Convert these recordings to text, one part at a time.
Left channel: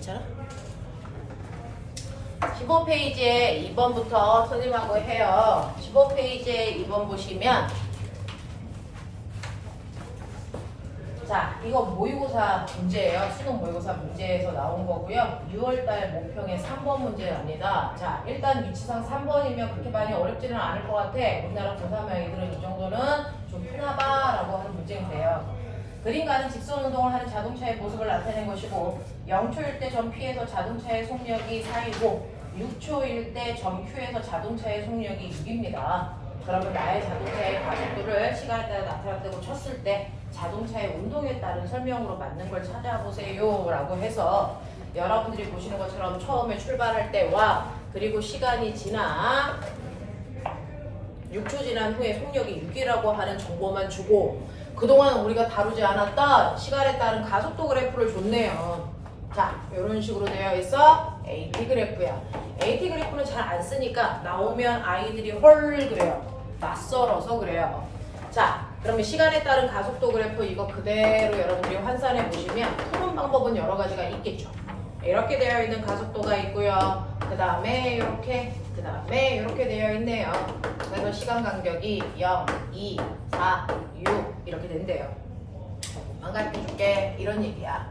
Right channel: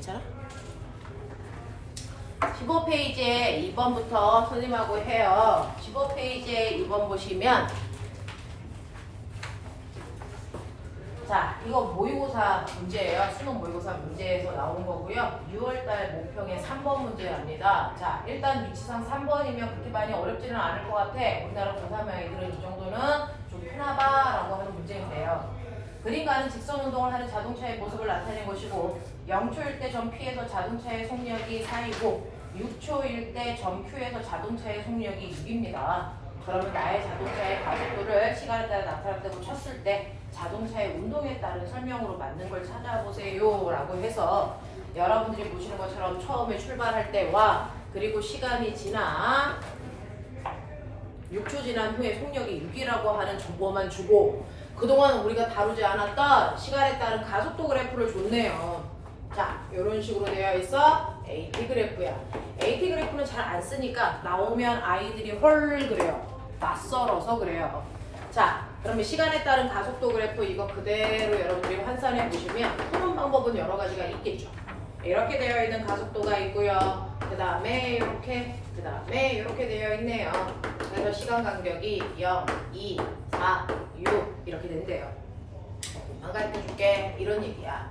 괜찮아? 15페이지에 2번부터 선생님하고 해요. 15페이지에 2번 보시면 자, 이거 모의고사 문제예요. 수능 모의고사 문제에서 나온 거고요. 6월달 모평의 3번 문제랍니다. 자, 일단 위치상 3번이면 그렇게 많이 어렵지는 않을 것 같아. 우리나라 고3 아이들은 이 정도는 좀 편하다라고 하는 문제인데요. 그림과는 직선 운동을 하는 자동차의 모습을 나타낸 것이고 0초일 때 점 P에서 자동차의 속력이 4이고 6초일 때 점 Q에서 자동차의 속력이 6입니다. 그러면 나의 자동차의 가속도를 시간에 따라 나타났다고 쳤을 때 자동차의 운동에 따른 설명으로 맞는 걸 찾아보세요 라고 해서 여러분들이 보시는 것처럼 처음에 출발할 때와 그리고 시간이 지나 6초 지난 후에 속력이 6이라고 하는 정보만 주고 그동안 우리가 다루지 않았던 시간에 따른 가속도 그래프를 줬네요. 자, 이런 식으로 되어 있어. AT 그래프야. AT 그래프는 잘 안 쓰니까 나오면 아이들이 헐 그래요. 낯설어서 그래요. 자, 그러면 시간에 따른 가속도 그래프 이거 그대로 여러분들이 환산해 보시면 푸는 방법은 여러 가지가 있겠죠. 이렇게 되어 있는 가속도가 있고요. 그 다음에 이렇게, 그 다음에 이렇게 되어 있네요. 그래서 시간 간격이 0, 2, 4, 6 이렇게 된대요. 조금만 가르쳐 줄게. 이런 얘기야.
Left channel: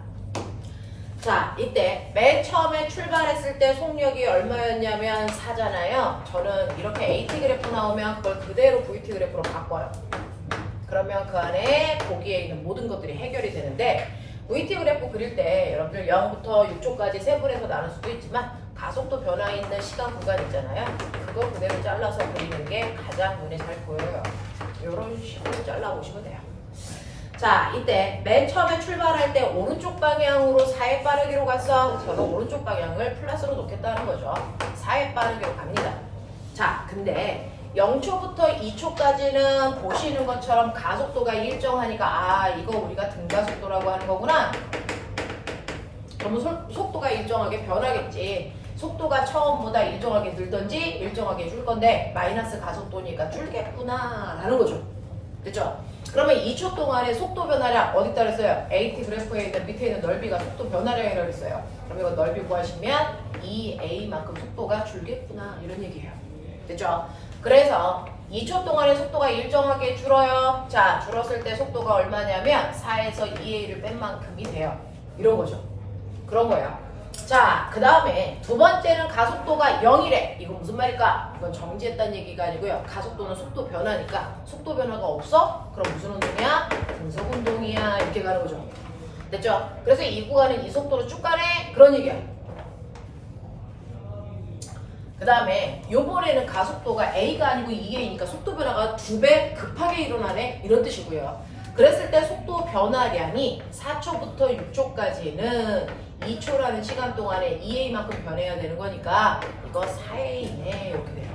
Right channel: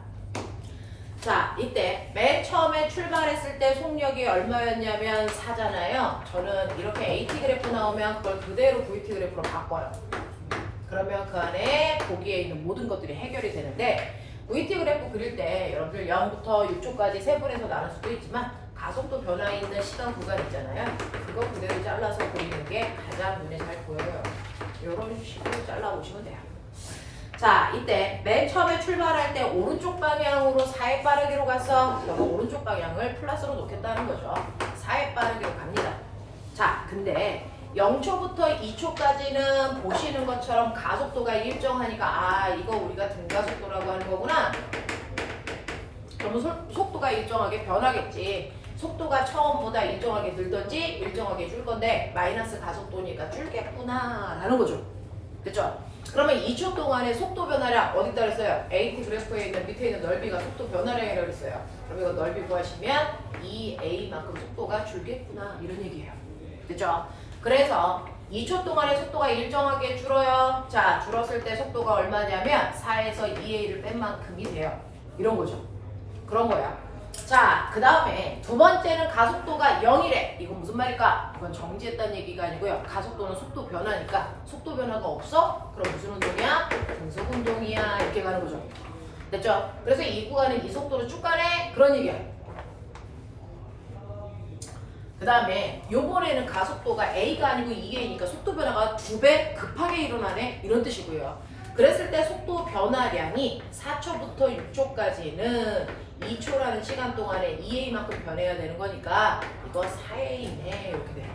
자, 이때 맨 처음에 출발했을 때 속력이 얼마였냐면 4잖아요. 저는 이렇게 AT 그래프 나오면 그걸 그대로 VT 그래프로 바꿔요. 그러면 그 안에 거기에 있는 모든 것들이 해결이 되는데 VT 그래프 그릴 때 여러분들 0부터 6초까지 세분해서 나눌 수도 있지만 가속도 변화 있는 시간 구간 있잖아요. 그거 그대로 잘라서 그리는 게 가장 눈에 잘 보여요. 이런 식으로 잘라보시면 돼요. 자, 이때 맨 처음에 출발할 때 오른쪽 방향으로 4의 빠르기로 갔어. 저는 오른쪽 방향을 플러스로 놓겠다는 거죠. 4의 빠르기로 갑니다. 자, 근데 0초부터 2초까지는 보시는 것처럼 가속도가 일정하니까 아, 이거 우리가 등가속도라고 하는 거구나. 그러면 속도가 일정하게 변하겠지. 속도가 처음보다 일정하게 늘던지 일정하게 줄 건데 마이너스 가속도니까 줄겠구나 라는 거죠. 그렇죠? 그러면 2초 동안의 속도 변화량 어디다 그랬어요? AT 그래프에 있는 밑에 있는 넓이가 속도 변화량이라고 그랬어요. 그럼 이거 넓이 구하시면 2A만큼 속도가 줄겠구나 이런 얘기예요. 그렇죠? 그래서 2초 동안의 속도가 일정하게 줄어요. 자, 줄었을 때 속도가 얼마냐면 4에서 2A를 뺀 만큼이 돼요. 이런 거죠. 그런 거예요. 자, 그 다음에 두 번째는 가속도가 0이래. 이건 무슨 말일까? 이건 정지했다는 얘기가 아니고요. 가속도는 속도 변화니까 속도 변화가 없어? 그럼 무슨 운동이야? 등속 운동이야. 이렇게 가는 거죠. 됐죠? 그래서 이 구간은 이 속도로 쭉 가네? 그런 얘기야. 그 다음에 요번에는 가속도가 A가 아니고 2A니까 속도 변화가 2배 급하게 일어나네? 이런 뜻이고요. 그랬을 때 속도 변화량이 4초부터 6초까지는 2초라는 시간 동안에 2A만큼 변해야 되는 거니까 이거 4A네 이렇게 돼요.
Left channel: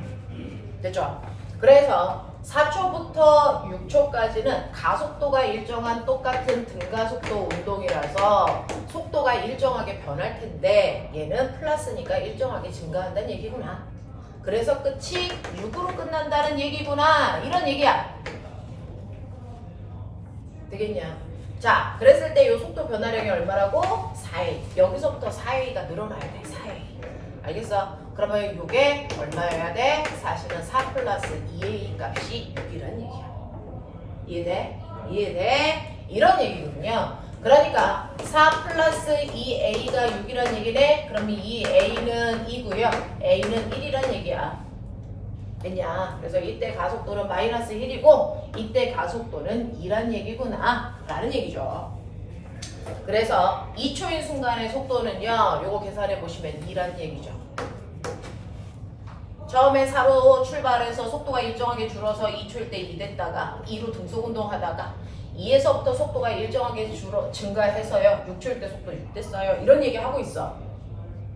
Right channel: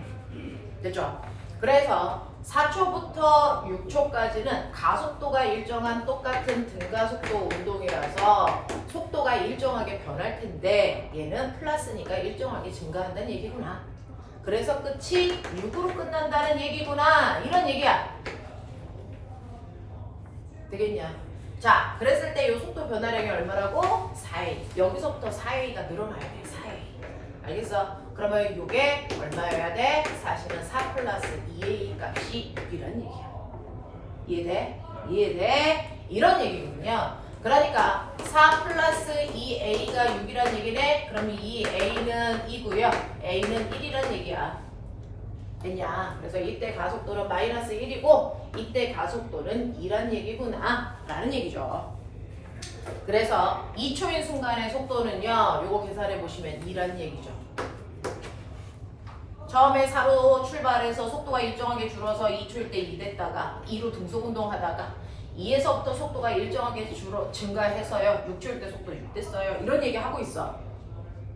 됐죠? 그래서 4초부터 6초까지는 가속도가 일정한 똑같은 등가속도 운동이라서 속도가 일정하게 변할 텐데 얘는 플러스니까 일정하게 증가한다는 얘기구나. 그래서 끝이 6으로 끝난다는 얘기구나. 이런 얘기야. 되겠냐? 자, 그랬을 때 이 속도 변화량이 얼마라고? 4A. 여기서부터 4A가 늘어나야 돼. 4A. 알겠어? 그러면 이게 얼마여야 돼? 사실은 4 플러스 2A 값이 6이라는 얘기야. 이해돼? 이해돼? 이런 얘기거든요. 그러니까 4 플러스 2A가 6이라는 얘기네? 그러면 이 A는 2고요. A는 1이라는 얘기야. 왜냐? 그래서 이때 가속도는 마이너스 1이고 이때 가속도는 2란 얘기구나 라는 얘기죠. 그래서 2초인 순간의 속도는요, 요거 계산해 보시면 2란 얘기죠. 처음에 4로 출발해서 속도가 일정하게 줄어서 2초일 때 2 됐다가 2로 등속운동 하다가 2에서부터 속도가 일정하게 증가해서요 6초일 때 속도 6 됐어요. 이런 얘기 하고 있어.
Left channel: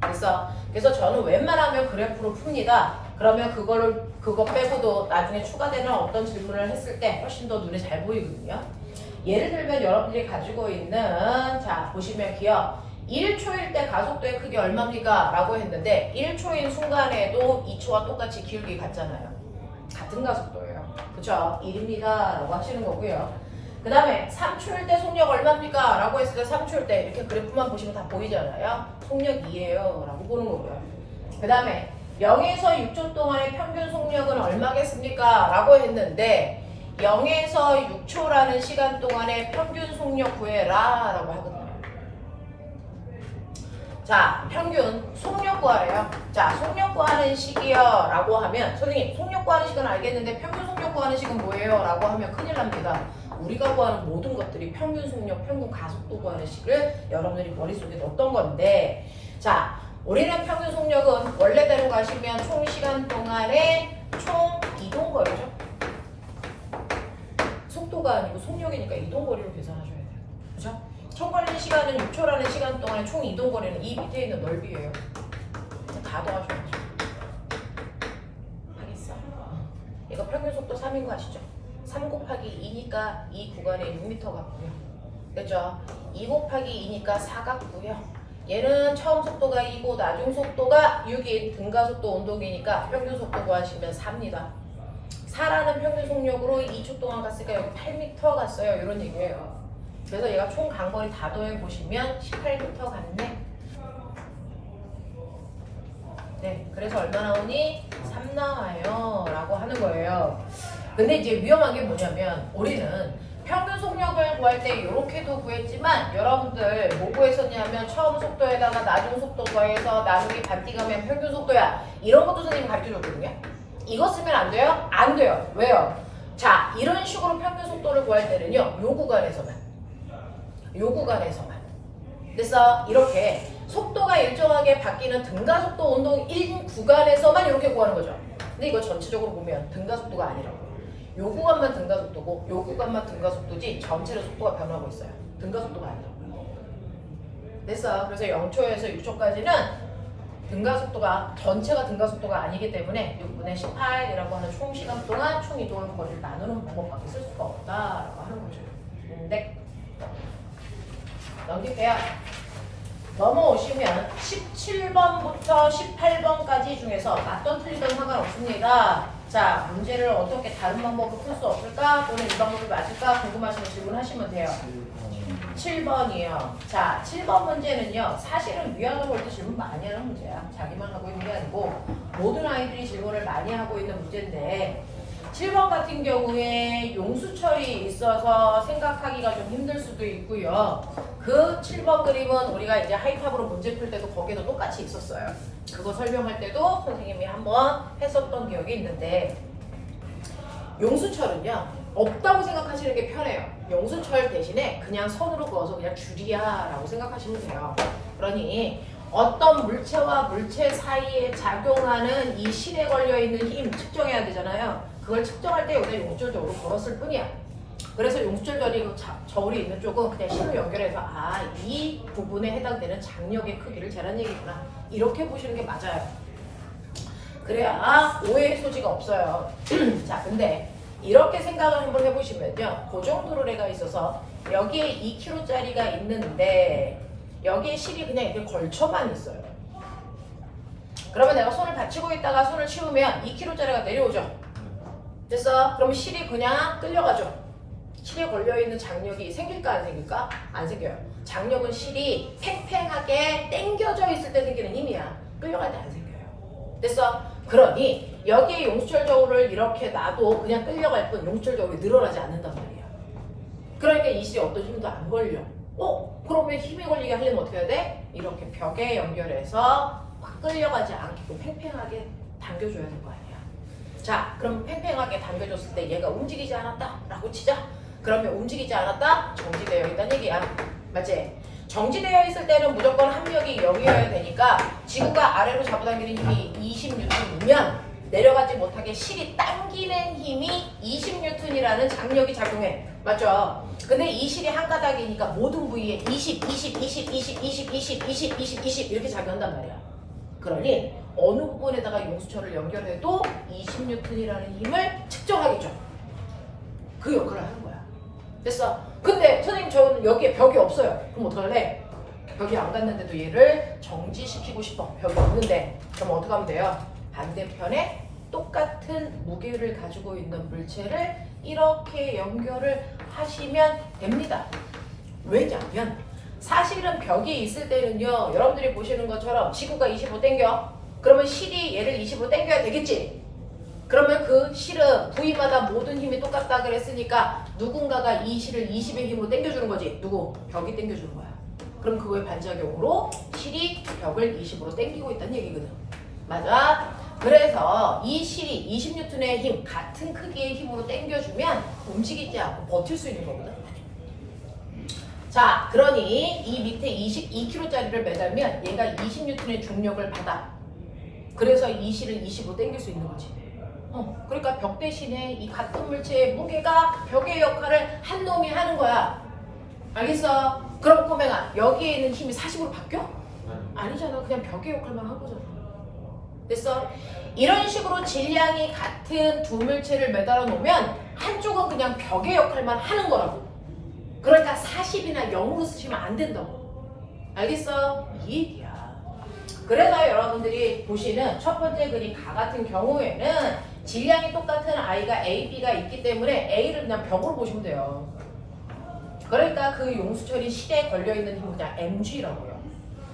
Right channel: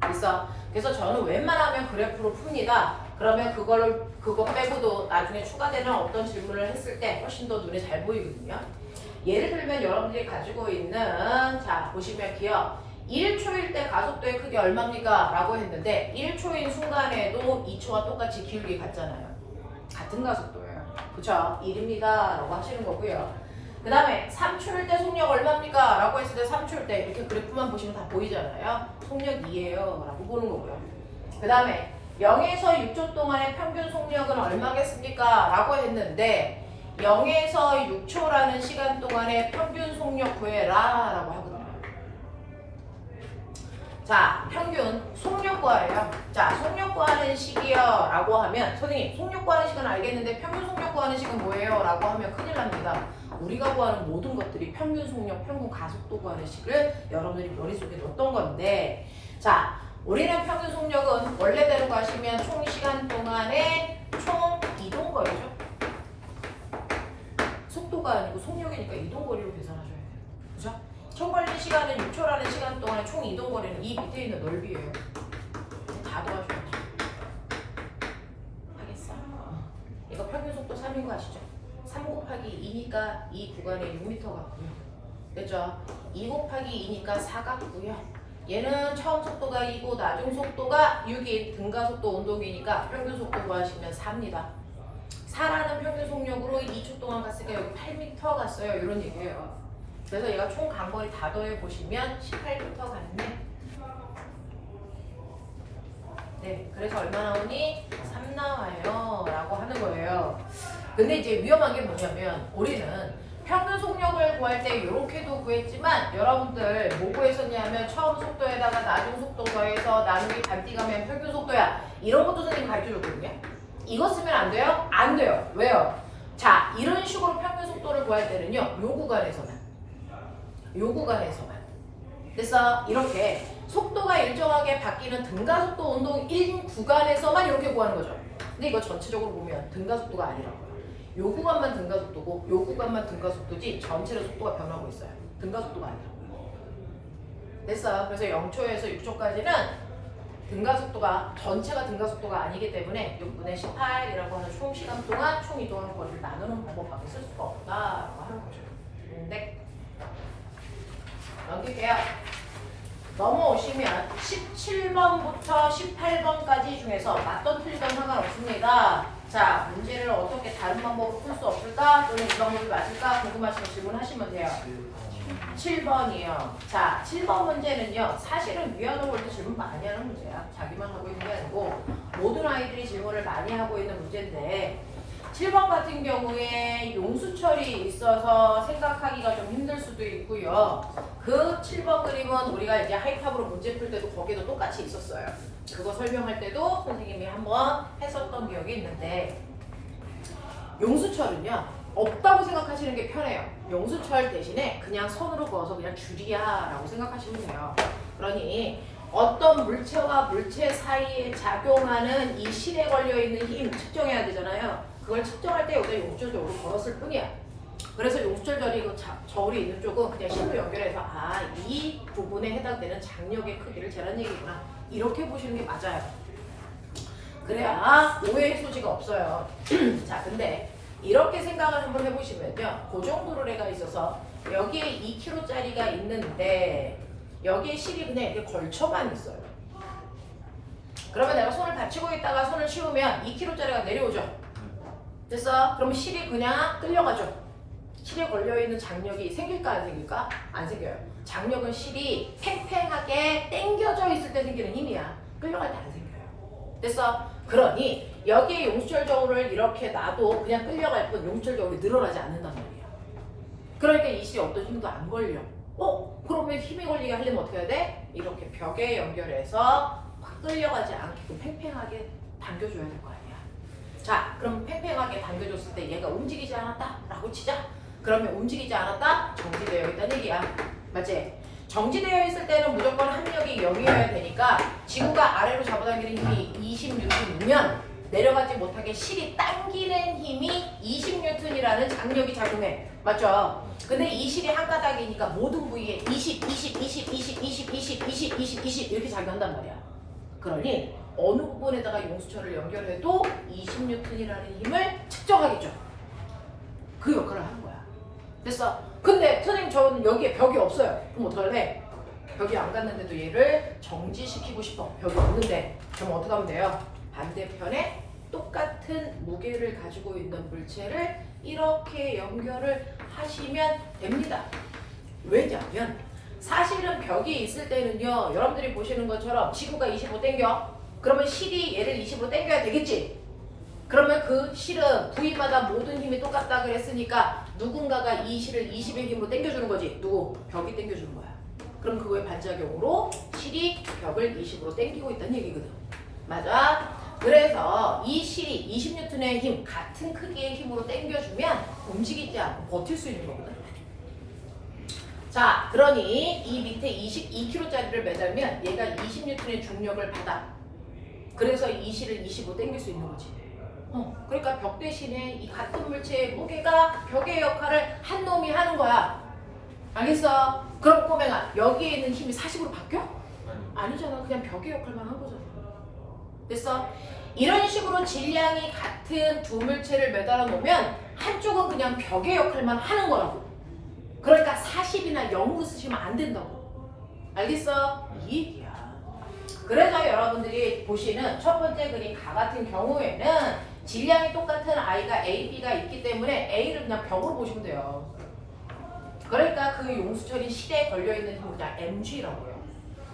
그래서 저는 웬만하면 그래프로 풉니다. 그러면 그거 빼고도 나중에 추가되는 어떤 질문을 했을 때 훨씬 더 눈에 잘 보이거든요. 예를 들면 여러분들이 가지고 있는 자 보시면 기억 1초일 때 가속도의 크기 얼마입니까? 라고 했는데 1초인 순간에도 2초와 똑같이 기울기 같잖아요. 같은 가속도예요. 그쵸? 1입니다 라고 하시는 거고요. 그 그 다음에 3초일 때 속력 얼마입니까? 라고 했을 때 3초일 때 이렇게 그래프만 보시면 다 보이잖아요. 속력 2예요 라고 보는 거고요. 그 다음에 0에서 6초 동안의 평균 속력은 얼마겠습니까? 라고 했는데 0에서 6초라는 시간 동안의 평균 속력 구해라 라고 하거든요. 자, 평균 속력 구하래요. 자, 속력 구하는 식이요 라고 하면 선생님 속력 구하는 식은 알겠는데 평균 속력 구하는 식은 뭐예요? 라고 하면 큰일 납니다. 우리가 구하는 모든 것들이 평균 속력, 평균 가속도 구하는 식을 여러분들이 머릿속에 넣었던 건데 자, 우리는 평균 속력은 원래대로 가시면 총 시간 동안의 총 이동거리죠. 속도가 아니고 속력이니까 이동거리로 계산하셔야 돼요. 그죠? 총 걸린 시간은 6초라는 시간 동안의 총 이동거리는 이 밑에 있는 넓이에요. 다 더하셔야죠. 하겠어? 이거 평균 속도 3인 거 아시죠? 3 곱하기 2니까 이 구간에 6m 같고요. 됐죠? 2 곱하기 2니까 4 같고요. 얘는 처음 속도가 2고 나중 속도가 6인 등가속도 운동이니까 평균 속도 구하시면 4입니다. 4라는 평균 속력으로 2초 동안 갔으니까 여기 8m 갔어요. 이런 얘기예요. 그래서 얘가 총 간거리 다 더해 보시면 18m 갔네. 네, 그래서 얼마 나오니? 3 나와요 라고 하는 거예요. 근데 이제 위험한 게 뭐냐면 우리는 평균 속력을 구할 때 이렇게도 구했지만 여러분들 뭐 구했었냐면 처음 속도에다가 나중 속도 더해서 나누기 반띠가면 평균 속도야. 이런 것도 선생님이 가르쳐줬거든요. 이거 쓰면 안 돼요? 안 돼요. 왜요? 자, 이런 식으로 평균 속도를 구할 때는요. 요 구간에서만. 그래서 이렇게 속도가 일정하게 바뀌는 등가속도 운동 1 구간에서만 이렇게 구하는 거죠. 근데 이거 전체적으로 보면 등가속도가 아니라고요. 요 구간만 등가속도고 요 구간만 등가속도지 전체의 속도가 변하고 있어요. 등가속도가 아니라고요. 됐어. 그래서 0초에서 6초까지는 등가속도가 전체가 등가속도가 아니기 때문에 6분의 18이라고 하는 총 시간 동안 총 이동하는 거리를 나누는 방법밖에 쓸 수가 없다라고 하는 거죠. 근데 넘길게요. 넘어오시면 17번부터 18번까지 중에서 맞던 틀리던 상관없습니다. 자, 문제를 어떻게 다른 방법으로 풀 수 없을까? 또는 이 방법이 맞을까? 궁금하시면 질문하시면 돼요. 7번이요. 자, 7번 문제는요. 사실은 위안을 볼 때 질문 많이 하는 문제야. 자기만 하고 있는 게 아니고 모든 아이들이 질문을 많이 하고 있는 문제인데 7번 같은 경우에 용수철이 있어서 생각하기가 좀 힘들 수도 있고요. 그 7번 그림은 우리가 이제 하이탑으로 문제 풀 때도 거기도 똑같이 있었어요. 그거 설명할 때도 선생님이 한번 했었던 기억이 있는데 용수철은요. 없다고 생각하시는 게 편해요. 용수철 대신에 그냥 선으로 그어서 그냥 줄이야 라고 생각하시면 돼요. 그러니 어떤 물체와 물체 사이에 작용하는 이 실에 걸려있는 힘 측정해야 되잖아요. 그걸 측정할 때 여기다 용수철 저울을 걸었을 뿐이야. 그래서 용수철 저울이 있는 쪽은 그냥 실로 연결해서 이 부분에 해당되는 장력의 크기를 재란 얘기구나. 이렇게 보시는 게 맞아요. 그래야 오해의 소지가 없어요. 자, 근데 이렇게 생각을 한번 해보시면요. 고정도로래가 있어서 여기에 2kg짜리가 있는데 여기에 실이 그냥 이렇게 걸쳐만 있어요. 그러면 내가 손을 받치고 있다가 손을 치우면 2kg짜리가 내려오죠. 됐어? 그러면 실이 그냥 끌려가죠. 실에 걸려있는 장력이 생길까 안 생길까? 안 생겨요. 장력은 실이 팽팽하게 당겨져 있을 때 생기는 힘이야. 끌려갈 때 안 생겨요. 됐어? 그러니 여기에 용수철 저울을 이렇게 놔도 그냥 끌려갈 뿐 용수철 저울이 늘어나지 않는단 말이야. 그러니까 이 실이 어떤 힘도 안 걸려. 그러면 힘이 걸리게 하려면 어떻게 해야 돼? 이렇게 벽에 연결해서 확 끌려가지 않게끔 팽팽하게 당겨줘야 될 거 아니야. 자, 그럼 팽팽하게 당겨줬을 때 얘가 움직이지 않았다 라고 치자. 그러면 움직이지 않았다? 정지되어 있다는 얘기야. 맞지? 정지되어 있을 때는 무조건 합력이 0이어야 되니까 지구가 아래로 잡아당기는 힘이 20N이면 내려가지 못하게 실이 당기는 힘이 20N이라는 장력이 작용해. 맞죠? 근데 이 실이 한 가닥이니까 모든 부위에 20 이렇게 작용한단 말이야. 그러니 어느 부분에다가 용수철을 연결해도 20N이라는 힘을 측정하겠죠. 그 역할을 하는 거야. 됐어? 근데 선생님 저는 여기에 벽이 없어요. 그럼 어떡할래? 벽이 안 갔는데도 얘를 정지시키고 싶어. 벽이 없는데. 그럼 어떻게 하면 돼요? 반대편에 똑같은 무게를 가지고 있는 물체를 이렇게 연결을 하시면 됩니다. 왜냐면 사실은 벽이 있을 때는요, 여러분들이 보시는 것처럼 지구가 25 당겨. 그러면 실이 얘를 20으로 당겨야 되겠지. 그러면 그 실은 부위마다 모든 힘이 똑같다 그랬으니까 누군가가 이 실을 20의 힘으로 당겨주는 거지. 누구? 벽이 당겨주는 거야. 그럼 그거의 반작용으로 실이 벽을 20으로 당기고 있다는 얘기거든. 맞아? 그래서 이 실이 20N의 힘, 같은 크기의 힘으로 당겨주면 움직이지 않고 버틸 수 있는 거거든. 자, 그러니 이 밑에 22kg짜리를 매달면 얘가 20N의 중력을 받아. 그래서 이 실을 20으로 당길 수 있는 거지. 그러니까 벽 대신에 이 같은 물체의 무게가 벽의 역할을 한 놈이 하는 거야. 알겠어? 그럼 꼬맹아, 여기에 있는 힘이 40으로 바뀌어? 아니잖아. 그냥 벽의 역할만 한 거잖아. 됐어? 이런 식으로 질량이 같은 두 물체를 매달아 놓으면 한쪽은 그냥 벽의 역할만 하는 거라고. 그러니까 40이나 0으로 쓰시면 안 된다고. 알겠어? 이 얘기야. 그래서 여러분들이 보시는 첫 번째 그림 가 같은 경우에는 질량이 똑같은 아이가 A, B가 있기 때문에 A를 그냥 벽으로 보시면 돼요. 그러니까 그 용수철이 실에 걸려있는 힘은 그냥 mg라고요.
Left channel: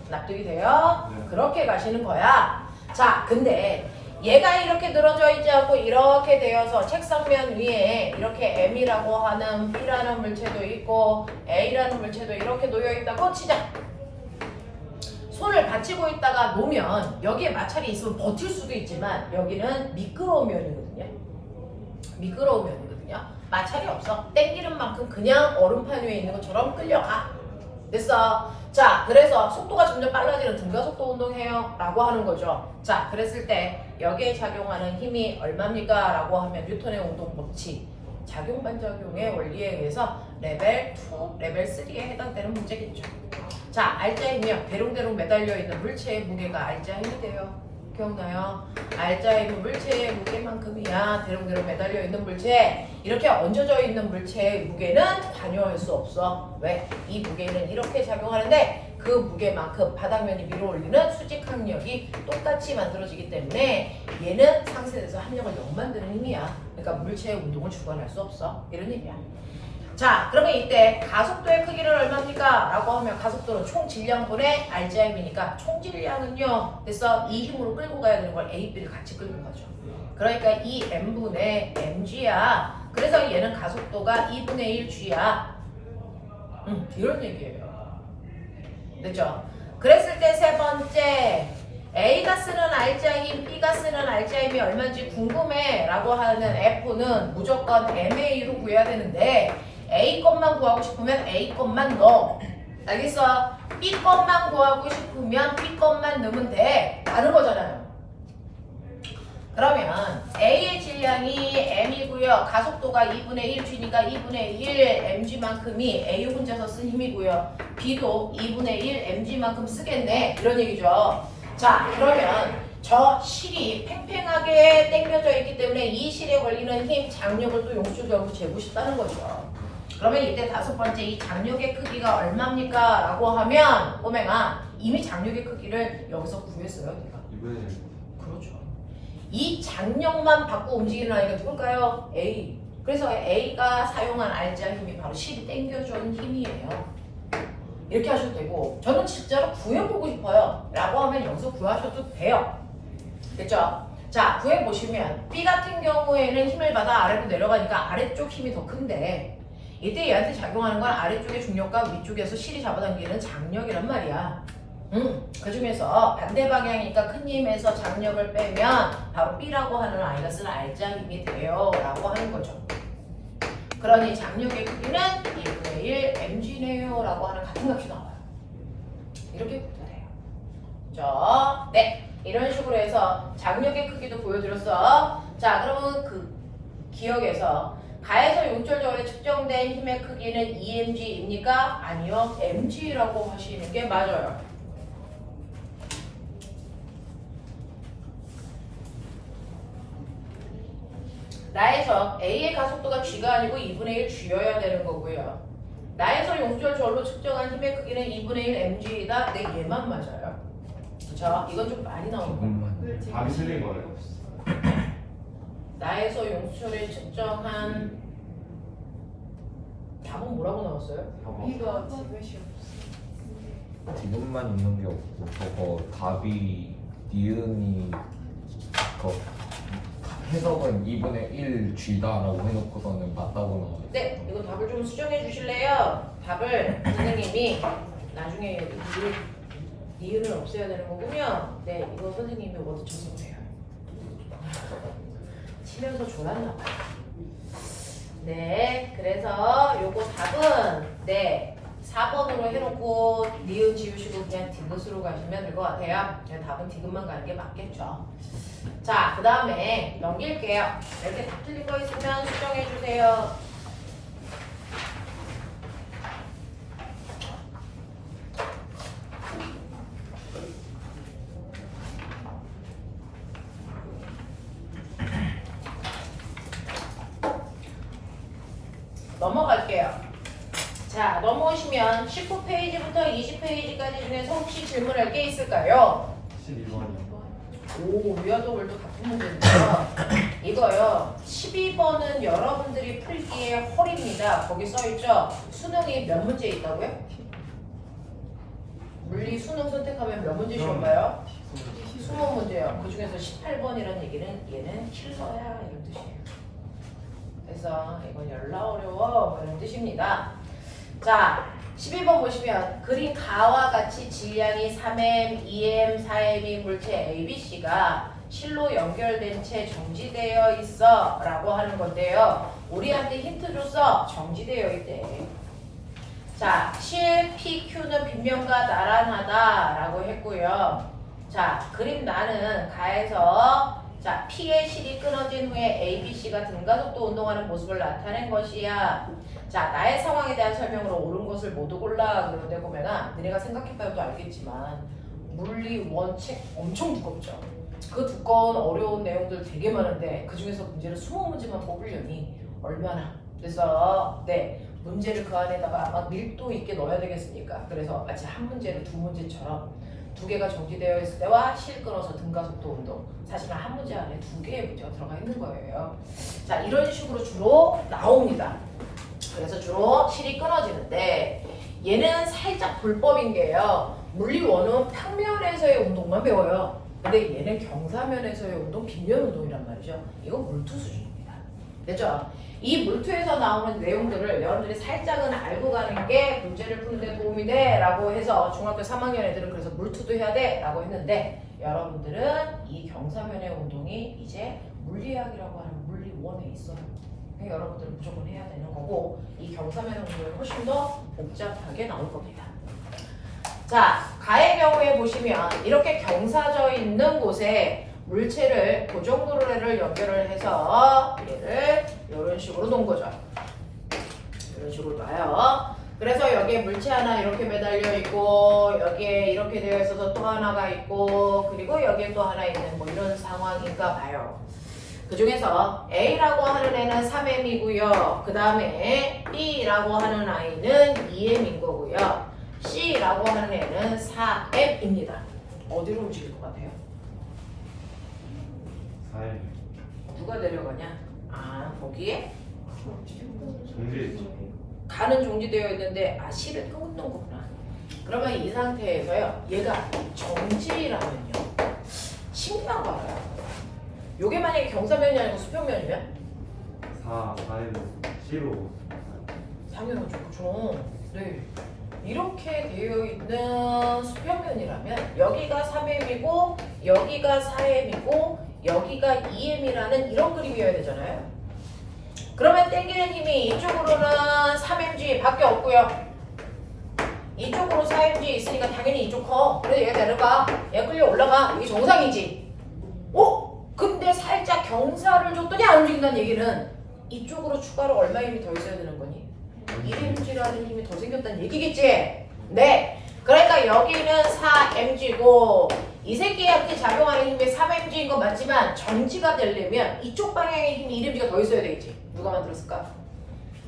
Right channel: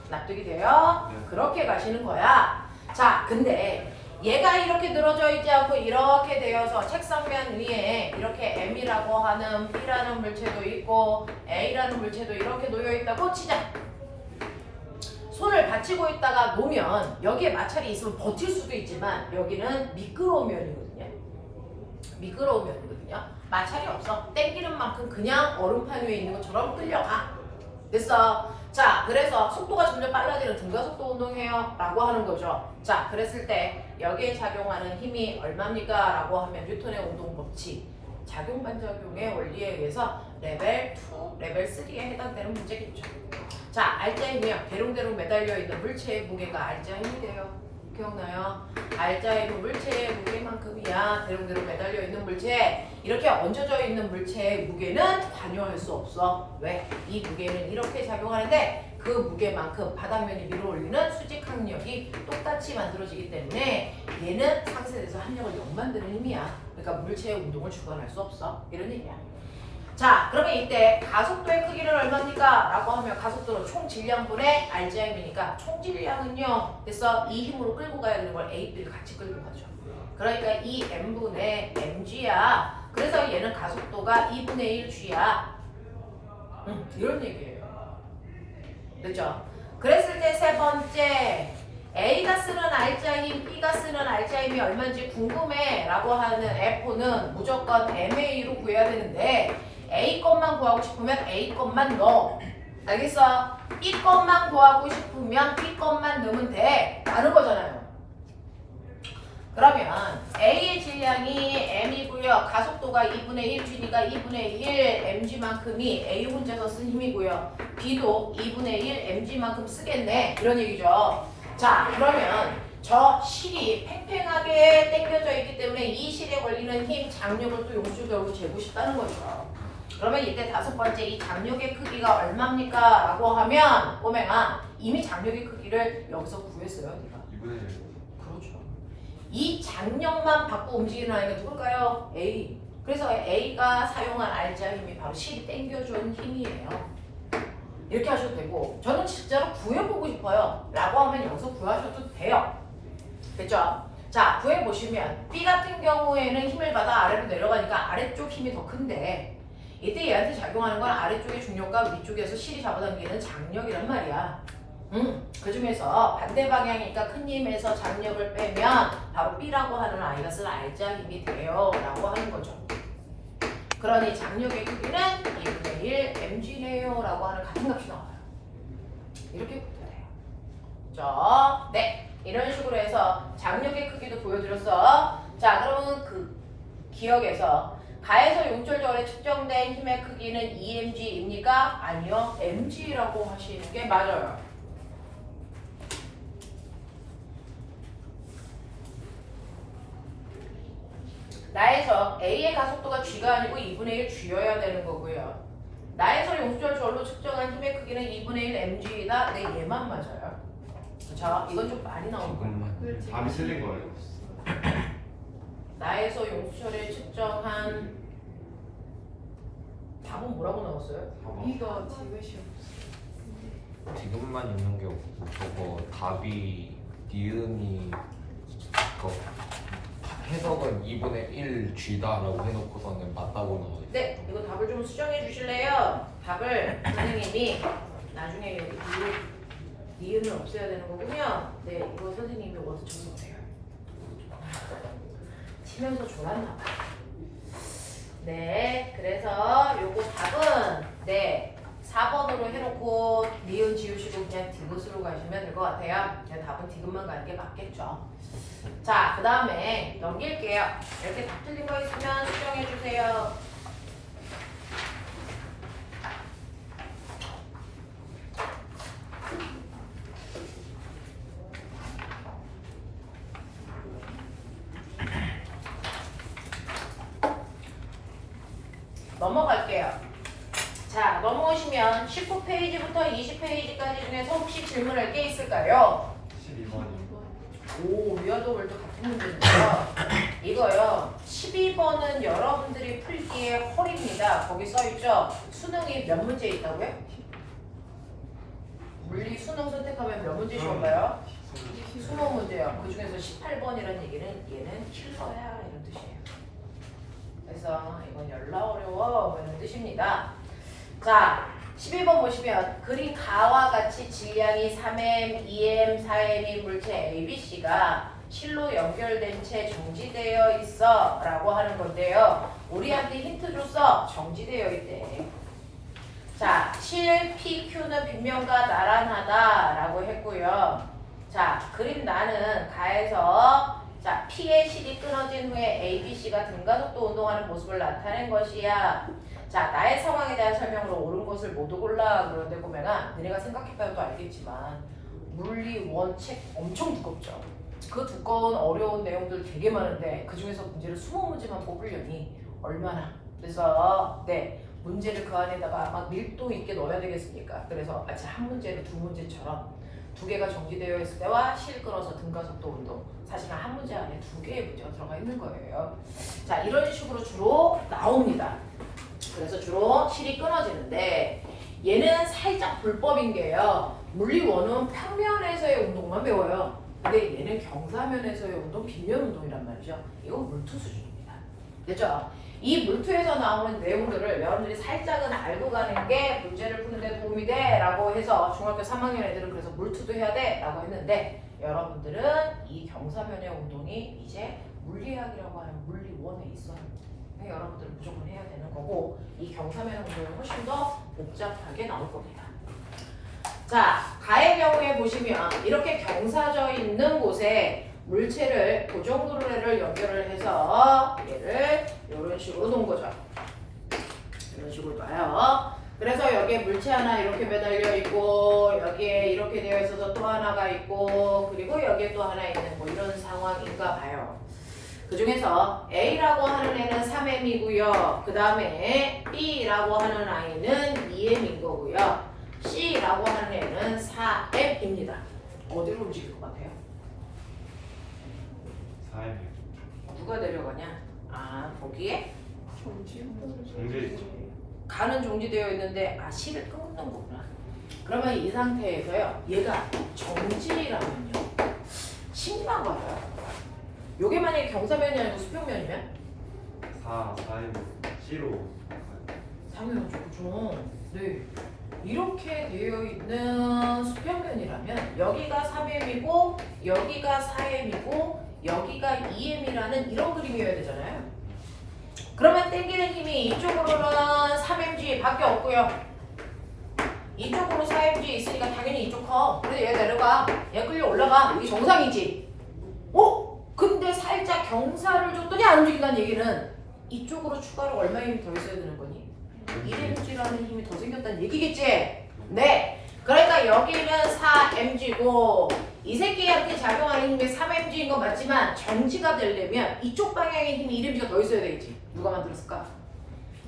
납득이 돼요? 그렇게 가시는 거야. 자, 근데 얘가 이렇게 늘어져 있지 않고 이렇게 되어서 책상면 위에 이렇게 M이라고 하는 B라는 물체도 있고 A라는 물체도 이렇게 놓여 있다고 치자. 손을 받치고 있다가 놓으면 여기에 마찰이 있으면 버틸 수도 있지만 여기는 미끄러운 면이거든요. 미끄러운 면이거든요. 마찰이 없어. 땡기는 만큼 그냥 얼음판 위에 있는 것처럼 끌려가. 됐어. 자, 그래서 속도가 점점 빨라지는 등가속도 운동해요 라고 하는 거죠. 자, 그랬을 때 여기에 작용하는 힘이 얼마입니까? 라고 하면 뉴턴의 운동 법칙, 작용 반작용의 원리에 의해서 레벨 2, 레벨 3에 해당되는 문제겠죠. 자, 알자의 힘이요. 대롱대롱 매달려 있는 물체의 무게가 알자의 힘이 돼요. 기억나요? 알자의 물체의 무게만큼이야. 대롱대롱 매달려 있는 물체. 이렇게 얹어져 있는 물체의 무게는 관여할 수 없어. 왜? 이 무게는 이렇게 작용하는데 그 무게만큼 바닥면이 밀어 올리는 수직 항력이 똑같이 만들어지기 때문에 얘는 상쇄돼서 합력을 0 만드는 힘이야. 그러니까 물체의 운동을 주관할 수 없어. 이런 얘기야. 자, 그러면 이때 가속도의 크기는 얼마입니까? 라고 하면 가속도는 총 질량분의 알자의 힘이니까 총 질량은요. 그래서 이 힘으로 끌고 가야 되는 걸 A, B를 같이 끌는 거죠. 그러니까 이 M분의 mg야. 그래서 얘는 가속도가 2분의 1g야. 이런 얘기예요. 됐죠? 그랬을 때 세 번째, A가 쓰는 알자의 힘, B가 쓰는 알자의 힘이 얼마인지 궁금해 라고 하는 F는 무조건 MA로 구해야 되는데 A 것만 구하고 싶으면 A 것만 넣어. 알겠어? B 것만 구하고 싶으면 B 것만 넣으면 돼. 라는 거잖아요. 그러면 A의 질량이 M이고요. 가속도가 2분의 1g니까 2분의 1 mg만큼이 A 혼자서 쓴 힘이고요. B도 2분의 1 mg만큼 쓰겠네. 이런 얘기죠. 자, 그러면 저 실이 팽팽하게 당겨져 있기 때문에 이 실에 걸리는 힘, 장력을 또 용수적으로 재고 싶다는 거죠. 그러면 이때 다섯 번째 이 장력의 크기가 얼마입니까? 라고 하면 꼬맹아 이미 장력의 크기를 여기서 구했어요. 네가. 이번에 그렇죠. 이 장력만 받고 움직이는 아이가 누굴까요? A. 그래서 A가 사용한 알자 힘이 바로 실이 당겨준 힘이에요. 이렇게 하셔도 되고 저는 진짜로 구해보고 싶어요 라고 하면 여기서 구하셔도 돼요. 됐죠? 자, 구해보시면 B 같은 경우에는 힘을 받아 아래로 내려가니까 아래쪽 힘이 더 큰데 이때 얘한테 작용하는 건 아래쪽의 중력과 위쪽에서 실이 잡아당기는 장력이란 말이야. 그 중에서 반대 방향이니까 큰 힘에서 장력을 빼면 바로 B라고 하는 아이가 쓸 알자 힘이 돼요 라고 하는 거죠. 그러니 장력의 크기는 2분의 1 mg네요 라고 하는 같은 값이 나와요. 이렇게 붙어야 돼요. 자, 네, 이런 식으로 해서 장력의 크기도 보여드렸어. 자, 그러면 그 기억에서 가에서 용철절에 측정된 힘의 크기는 2mg입니까? 아니요, mg라고 하시는 게 맞아요. 나에서 A의 가속도가 G가 아니고 2분의 1G여야 되는 거고요. 나에서 용수절로 측정한 힘의 크기는 2분의 1 mg이다. 네, 얘만 맞아요. 그쵸? 이건 좀 많이 나오는 거예요. 말이 틀린 거예요. 나에서 용수철에 측정한 답은 뭐라고 나왔어요? 이거 지그시 지금만 있는 게 없고 저거 답이 니은이 그 해석은 2분의 1 쥐다라고 해놓고서는 맞다고 나와요. 네, 이거 답을 좀 수정해 주실래요? 답을 선생님이 나중에 여기 니은을 없애야 되는 거군요. 네, 이거 선생님이 워드 적어보세요. 치면서 졸았나 봐요. 네, 그래서 요거 답은 네 4번으로 해놓고 니은 지우시고 그냥 디귿으로 가시면 될 것 같아요. 네, 답은 디귿만 가는 게 맞겠죠. 자, 그 다음에 넘길게요. 이렇게 답 틀린 거 있으면 수정해 주세요. 넘어갈게요. 자, 넘어오시면 19페이지부터 20페이지까지 중에서 혹시 질문할 게 있을까요? 12번이요. 오, 위아더 월드 같은 문제인데요. 이거요. 12번은 여러분들이 풀기에 헐입니다. 거기 써있죠? 수능이 몇 문제 있다고요? 물리 수능 선택하면 몇 문제 쉬울까요? 20문제요. 그 중에서 18번이라는 얘기는 얘는 킬러야 이런 뜻이에요. 그래서 이건 열나 어려워 뭐 이런 뜻입니다. 자, 11번 보시면 그린 가와 같이 질량이 3m, 2m, 4m인 물체 ABC가 실로 연결된 채 정지되어 있어 라고 하는 건데요. 우리한테 힌트 줬어. 정지되어 있대. 자, 실 PQ는 빗면과 나란하다 라고 했고요. 자, 그림 나는 가에서 자, P의 실이 끊어진 후에 ABC가 등가속도 운동하는 모습을 나타낸 것이야. 자, 나의 상황에 대한 설명으로 옳은 것을 모두 골라. 그런데 보면은 너네가 생각해봐도 알겠지만 물리 원책 엄청 두껍죠. 그 두꺼운 어려운 내용들 되게 많은데 그 중에서 문제를 20문제만 뽑으려니 얼마나. 그래서 네, 문제를 그 안에다가 막 밀도 있게 넣어야 되겠습니까? 그래서 마치 한 문제를 두 문제처럼 두 개가 정지되어 있을 때와 실 끊어서 등가속도 운동, 사실은 한 문제 안에 두 개의 문제가 들어가 있는 거예요. 자, 이런 식으로 주로 나옵니다. 그래서 주로 실이 끊어지는데 얘는 살짝 불법인 게요. 물리원은 평면에서의 운동만 배워요. 근데 얘는 경사면에서의 운동, 빗면 운동이란 말이죠. 이건 물투 수준입니다. 됐죠? 이 물투에서 나오는 내용들을 여러분들이 살짝은 알고 가는 게 문제를 푸는 데 도움이 돼 라고 해서 중학교 3학년 애들은 그래서 물투도 해야 돼 라고 했는데 여러분들은 이 경사면의 운동이 이제 물리학이라고 하는 물리원에 있어요. 여러분들은 무조건 해야 되는 거고 이 경사면 운동은 훨씬 더 복잡하게 나올 겁니다. 자, 가의 경우에 보시면 이렇게 경사져 있는 곳에 물체를 고정도로를 연결을 해서 얘를 이런 식으로 놓은 거죠. 이런 식으로 놔요. 그래서 여기에 물체 하나 이렇게 매달려 있고 여기에 이렇게 되어 있어서 또 하나가 있고 그리고 여기에 또 하나 있는 뭐 이런 상황인가 봐요. 그 중에서 A라고 하는 애는 3m이고요. 그 다음에 B라고 하는 아이는 2m인 거고요. C라고 하는 애는 4m입니다. 어디로 움직일 것 같아요? 4M. 누가 내려가냐? 아, 거기에 정지. 가는 정지되어 있는데 아, 실을 끊는 거구나. 그러면 이 상태에서요. 얘가 정지라면요. 신기한 거 알아요? 요게 만약에 경사면이 아니고 수평면이면? 4M. C로. 당연하죠. 그죠? 네. 이렇게 되어 있는 수평면이라면 여기가 3m이고 여기가 4m이고 여기가 2m이라는 이런 그림이어야 되잖아요. 그러면 당기는 힘이 이쪽으로는 3mg 밖에 없고요. 이쪽으로 4mg 있으니까 당연히 이쪽 커. 그래서 얘 내려가. 얘 끌려 올라가. 여기 정상이지. 근데 살짝 경사를 줬더니 안 움직인다는 얘기는 이쪽으로 추가로 얼마 힘이 더 있어야 되는 거니? 1mg라는 힘이 더 생겼다는 얘기겠지? 네. 그러니까 여기는 4mg고 이 새끼한테 작용하는 힘이 3mg인 건 맞지만 정지가 되려면 이쪽 방향의 힘이 1mg가 더 있어야 되겠지. 누가 만들었을까?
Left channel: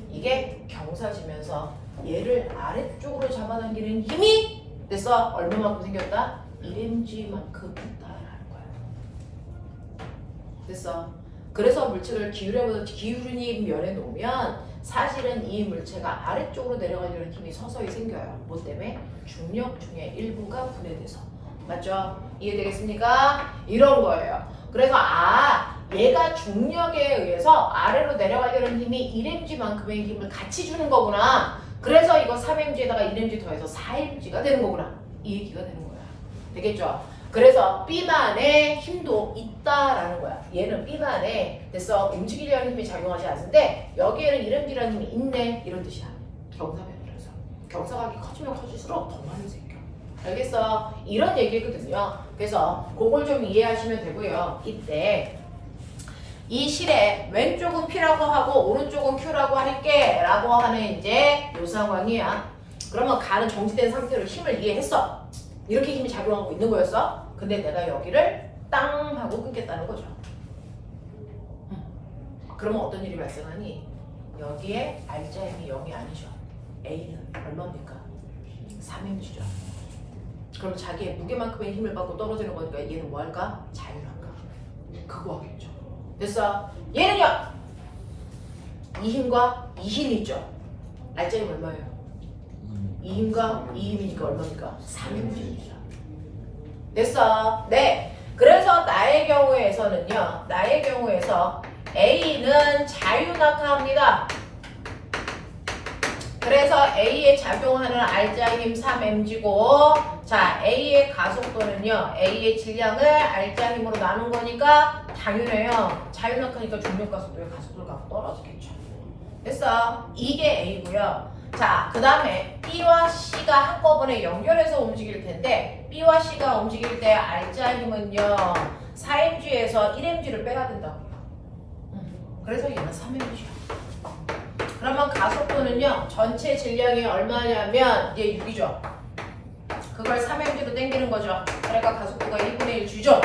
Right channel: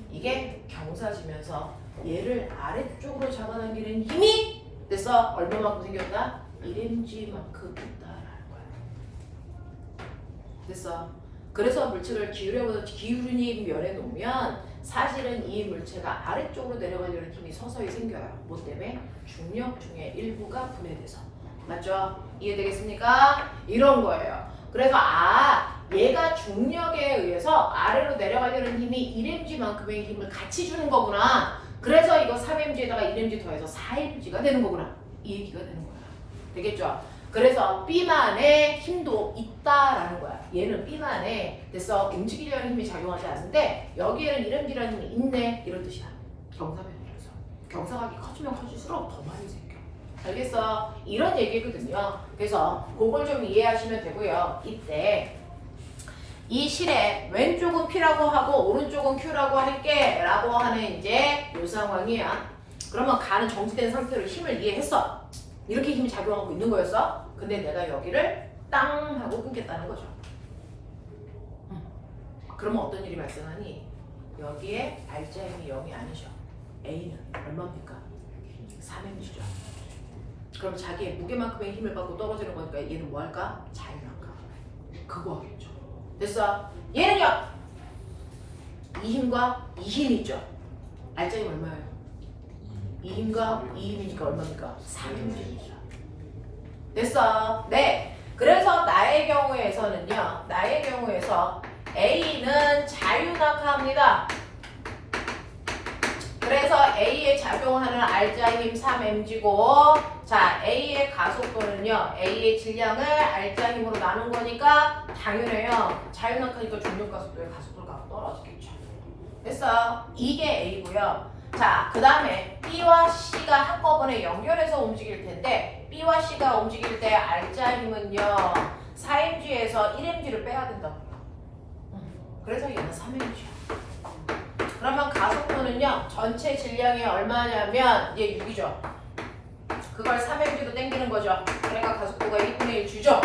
이게 경사지면서 얘를 아래쪽으로 잡아당기는 힘이 됐어. 얼마만큼 생겼다? 1mg만큼 있다라는 거야. 됐어. 그래서 물체를 기울인 면에 놓으면 사실은 이 물체가 아래쪽으로 내려가려는 힘이 서서히 생겨요. 뭐 때문에? 중력 중에 일부가 분해돼서. 맞죠? 이해되겠습니까? 이런 거예요. 그래서 얘가 중력에 의해서 아래로 내려가려는 힘이 1mg만큼의 힘을 같이 주는 거구나. 그래서 이거 3mg에다가 1mg 더해서 4mg가 되는 거구나. 이 얘기가 되는 거야. 되겠죠? 그래서 B만의 힘도 있다라는 거야. 얘는 B만에 됐어. 움직이려는 힘이 작용하지 않는데 여기에는 1mg라는 힘이 있네. 이런 뜻이야. 경사변이라서. 경사각이 커지면 커질수록 더 많이 생겨. 알겠어? 이런 얘기거든요. 그래서 그걸 좀 이해하시면 되고요. 이때 이 실에 왼쪽은 P라고 하고 오른쪽은 Q라고 할게 라고 하는 이제 요 상황이야. 그러면 가는 정지된 상태로 힘을 이해했어. 이렇게 힘이 작용하고 있는 거였어. 근데 내가 여기를 땅 하고 끊겠다는 거죠. 그러면 어떤 일이 발생하니? 여기에 R자임이 0이 아니죠. A는 얼마입니까? 3mg죠. 그럼 자기의 무게만큼의 힘을 받고 떨어지는 거니까 얘는 뭐 할까? 자유낙하. 그거 하겠죠. 됐어? 얘는요. 이 힘과 이 힘이 있죠. R자임 얼마예요? 이 힘과 이 힘이니까 얼마입니까? 3mg입니다. 됐어? 네. 그래서 나의 경우에서는요. 나의 경우에서 A는 자유낙하합니다. 그래서 A에 작용하는 R자힘 3mg고 자 A의 가속도는요. A의 질량을 R자힘으로 나눈 거니까 당연해요. 자유낙하니까 중력가속도의 가속도가 떨어지겠죠. 됐어? 이게 A고요. 자, 그 다음에 B와 C가 한꺼번에 연결해서 움직일 텐데 B와 C가 움직일 때 R자힘은요 4mg에서 1mg를 빼야 된다고요. 그래서 얘는 3mg야. 그러면 가속도는요 전체 질량이 얼마냐면 얘 6이죠. 그걸 3mg로 땡기는 거죠. 그러니까 가속도가 1분의 1 주죠.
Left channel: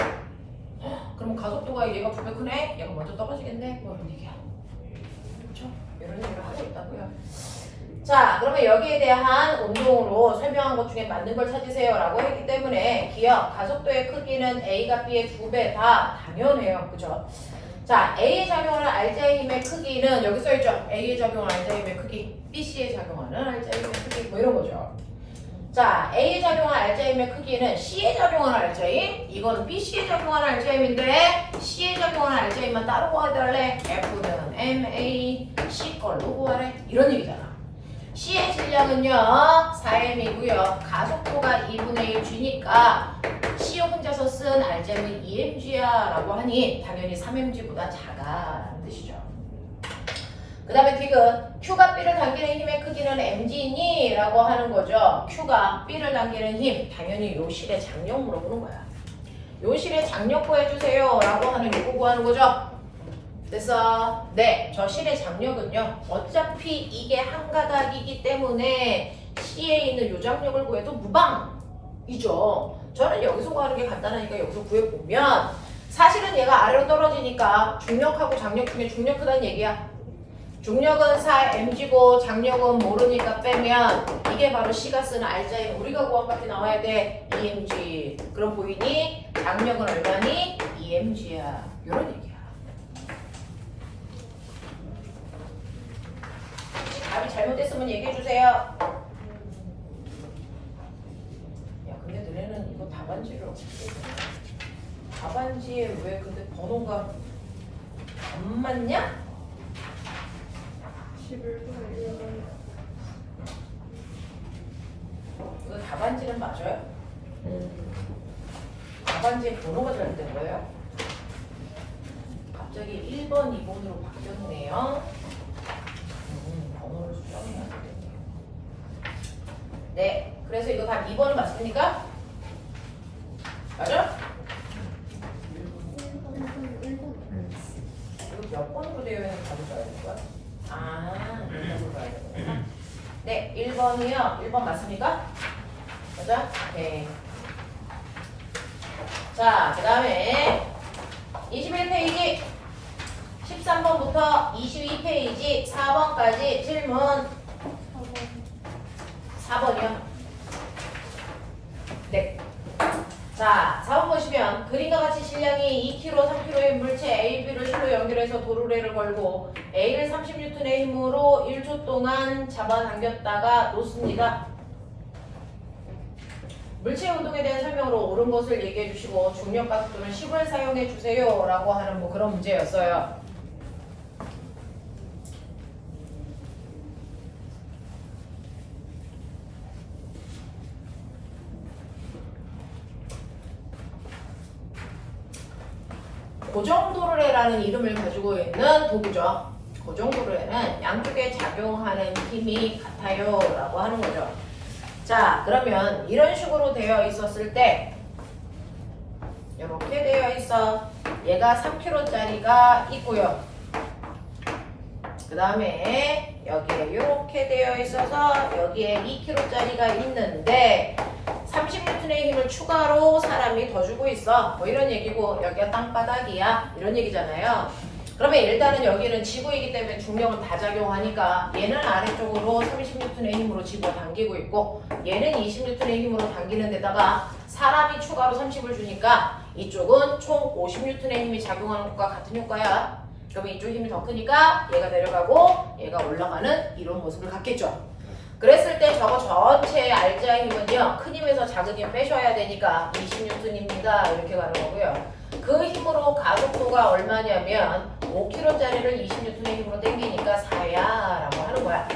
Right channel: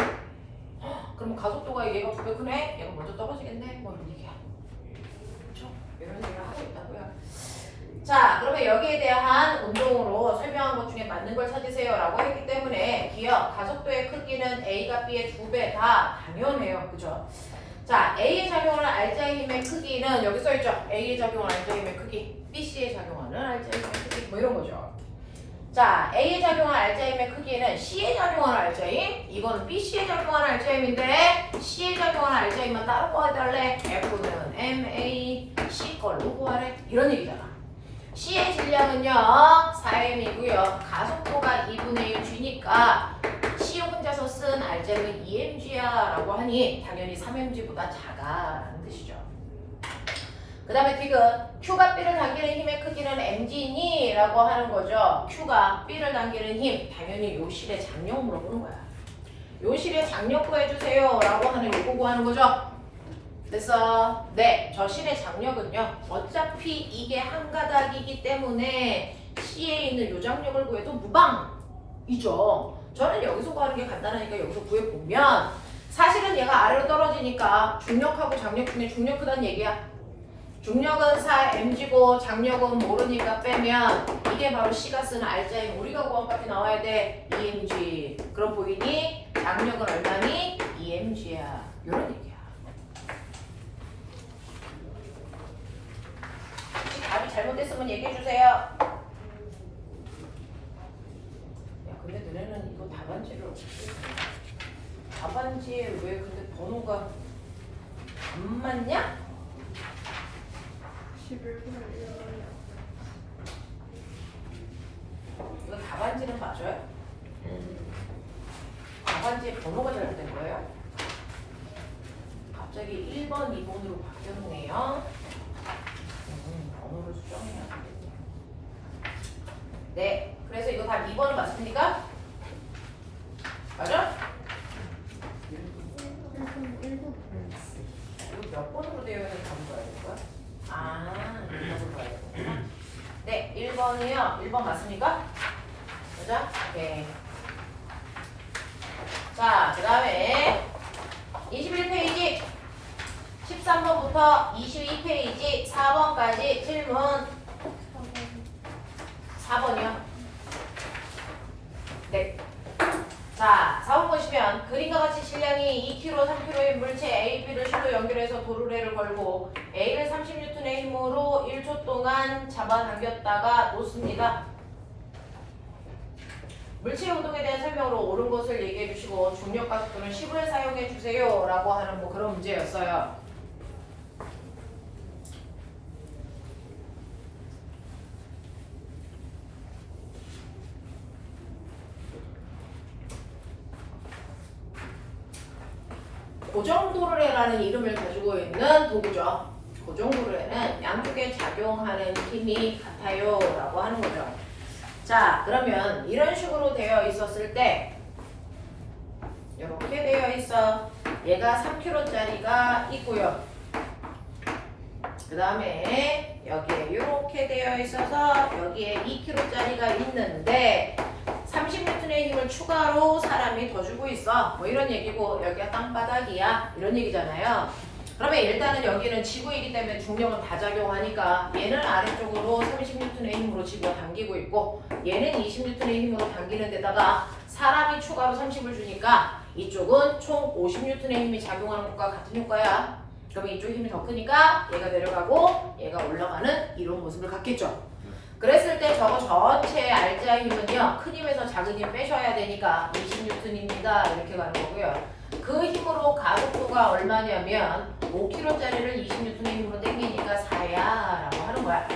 그러면 가속도가 얘가 2배 크네? 얘가 먼저 떨어지겠네? 뭐 이런 얘기야. 그렇죠? 이런 얘기를 하고 있다고요. 자, 그러면 여기에 대한 운동으로 설명한 것 중에 맞는 걸 찾으세요 라고 했기 때문에 기억, 가속도의 크기는 A가 B의 2배 다 당연해요. 그죠? 자, A에 작용하는 R자힘의 크기는 여기 써있죠? A에 작용하는 R자힘의 크기, BC에 작용하는 R자힘의 크기 뭐 이런 거죠. 자, A에 작용하는 R자힘의 크기는 C에 작용하는 R자힘, 이거는 BC에 작용하는 R자힘인데 C에 작용하는 R자힘만 따로 구하달래. F는 MA, C 걸로 구하래. 이런 얘기잖아. C의 질량은요 4m이고요. 가속도가 2분의 1 G니까 C 혼자서 쓴 R자임은 2mg야 라고 하니 당연히 3mg보다 작아라는 뜻이죠. 그 다음에 디귿 Q가 B를 당기는 힘의 크기는 mg니? 라고 하는 거죠. Q가 B를 당기는 힘 당연히 요 실의 장력 물어보는 거야. 요 실의 장력 구해주세요 라고 하는 요거 구하는 거죠. 됐어? 네, 저 실의 장력은요 어차피 이게 한 가닥이기 때문에 C에 있는 요 장력을 구해도 무방이죠. 저는 여기서 구하는 게 간단하니까 여기서 구해보면 사실은 얘가 아래로 떨어지니까 중력하고 장력 중에 중력 크다는 얘기야. 중력은 4mg고 장력은 모르니까 빼면 이게 바로 C가 쓰는 R자임 우리가 구한 값이 나와야 돼. 2mg. 그럼 보이니? 장력은 얼마니? 2mg야. 요런 얘기야. 답이 잘못됐으면 얘기해주세요. 야 근데 너네는 이거 답안지를 어떻게 답안지에 왜 근데 번호가 안 맞냐? 11분의 이거 답안지는 맞아요? 답안지에 번호가 잘못된 거예요? 갑자기 1번, 2번으로 바뀌었네요. 번호를 수정해야 되겠네요. 네, 그래서 이거 답 2번은 맞습니까? 맞아? 이거 몇 번으로 되어 있는 답을 봐야 될 거야? 아, 답을 봐야 되구나. 네, 1번이요. 1번 맞습니까? 맞아? 네. 자, 그 다음에 21페이지 13번부터 22페이지 4번까지 질문 4번이요. 네. 자, 4번 보시죠. 보시면 그림과 같이 질량이 2kg, 3kg의 물체 A, B를 실로 연결해서 도르래를 걸고 A를 30N의 힘으로 1초 동안 잡아당겼다가 놓습니다. 물체 운동에 대한 설명으로 옳은 것을 얘기해 주시고 중력 가속도는 10을 사용해 주세요 라고 하는 뭐 그런 문제였어요. 고정도르래라는 이름을 가지고 있는 도구죠. 고정도르래는 양쪽에 작용하는 힘이 같아요 라고 하는 거죠. 자, 그러면 이런 식으로 되어 있었을 때 이렇게 되어 있어. 얘가 3kg짜리가 있고요. 그 다음에 여기에 이렇게 되어 있어서 여기에 2kg짜리가 있는데 30N의 힘을 추가로 사람이 더 주고 있어. 뭐 이런 얘기고 여기가 땅바닥이야. 이런 얘기잖아요. 그러면 일단은 여기는 지구이기 때문에 중력은 다 작용하니까 얘는 아래쪽으로 30N의 힘으로 지구가 당기고 있고 얘는 20N의 힘으로 당기는 데다가 사람이 추가로 30을 주니까 이쪽은 총 50N의 힘이 작용하는 것과 같은 효과야. 그러면 이쪽 힘이 더 크니까 얘가 내려가고 얘가 올라가는 이런 모습을 갖겠죠. 그랬을 때 저거 전체의 알자의 힘은요. 큰 힘에서 작은 힘 빼셔야 되니까 20N입니다. 이렇게 가는 거고요. 그 힘으로 가속도가 얼마냐면 5kg짜리를 20N의 힘으로 당기니까 4야 라고 하는 거야.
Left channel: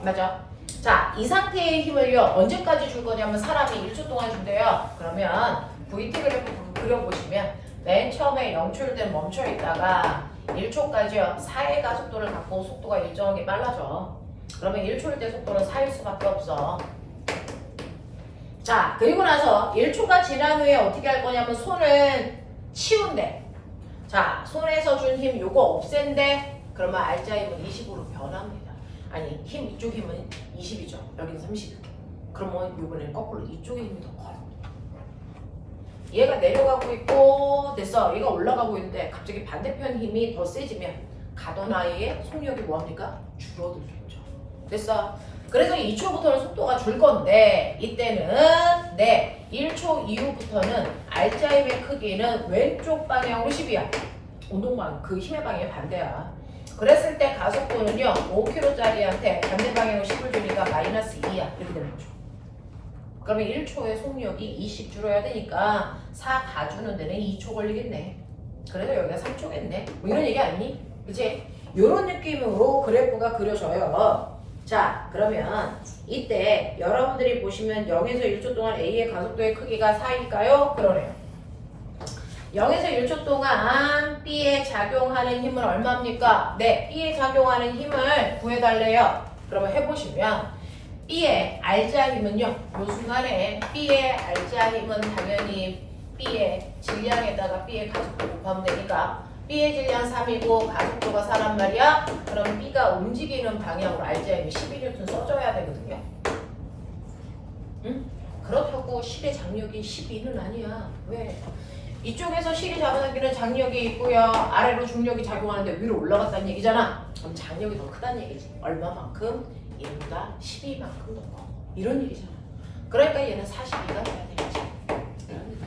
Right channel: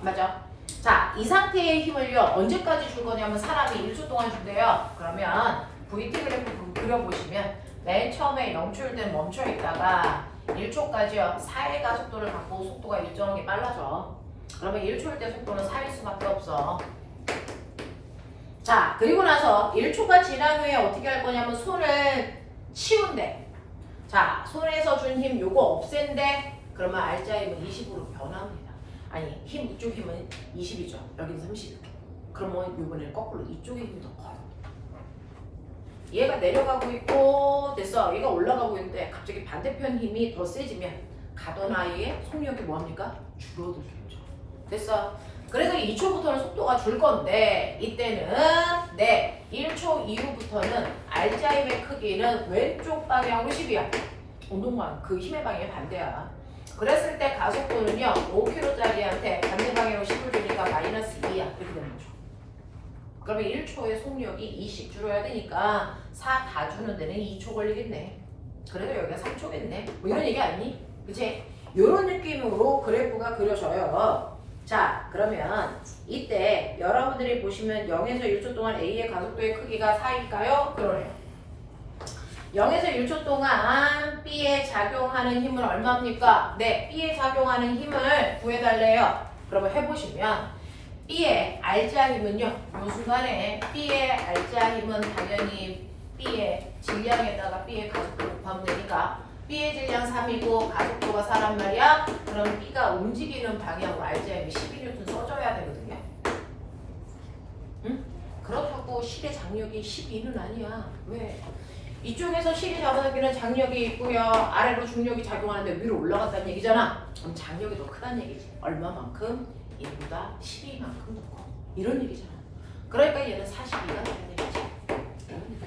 맞아? 자, 이 상태의 힘을요. 언제까지 줄 거냐면 사람이 1초 동안 준대요. 그러면 VT 그래프 그려보시면 맨 처음에 0초일 때 멈춰 있다가 1초까지요. 4의 가속도를 갖고 속도가 일정하게 빨라져. 그러면 1초일 때 속도는 4일 수밖에 없어. 자, 그리고 나서 1초가 지난 후에 어떻게 할 거냐면 손을 치운대. 자, 손에서 준 힘 요거 없앤대. 그러면 알자 힘은 20으로 변합니다. 아니, 힘 이쪽 힘은 20이죠. 여기는 30이죠. 그러면 요번에는 거꾸로 이쪽의 힘이 더 커요. 얘가 내려가고 있고 됐어. 얘가 올라가고 있는데 갑자기 반대편 힘이 더 세지면 가던 아이의 속력이 뭐합니까? 줄어들겠죠. 됐어. 그래서 2초부터는 속도가 줄 건데 이때는 1초 이후부터는 알자힘의 크기는 왼쪽 방향으로 10이야. 운동방 그 힘의 방향이 반대야. 그랬을 때 가속도는요 5kg짜리한테 반대 방향으로 10을 주니까 마이너스 2야. 이렇게 되는 거죠. 그러면 1초의 속력이 2씩 줄어야 되니까 4 다 주는 데는 2초 걸리겠네. 그래도 여기가 3초겠네. 뭐 이런 얘기 아니니? 그치? 이런 느낌으로 그래프가 그려져요. 자, 그러면 이때 여러분들이 보시면 0에서 1초 동안 A의 가속도의 크기가 4일까요? 그러네요. 0에서 1초 동안 B에 작용하는 힘은 얼마입니까? 네, B에 작용하는 힘을 구해달래요. 그러면 해보시면 B의 알자 힘은요. 이 순간에 B의 알자 힘은 당연히 B의 질량에다가 B의 가속도 곱하면 되니까 B의 질량 3이고 가속도가 4란 말이야. 그럼 B가 움직이는 방향으로 알자 힘이 12N 써줘야 되거든요. 응? 그렇다고 10의 장력이 12는 아니야. 왜? 이쪽에서 실이 잡아당기는 장력이 있고요. 아래로 중력이 작용하는데 위로 올라갔다는 얘기잖아. 그럼 장력이 더 크다는 얘기지. 얼마만큼? 얘보다 12만큼 더 커. 이런 얘기잖아. 그러니까 얘는 42가 돼야 되겠지. 이런 얘기.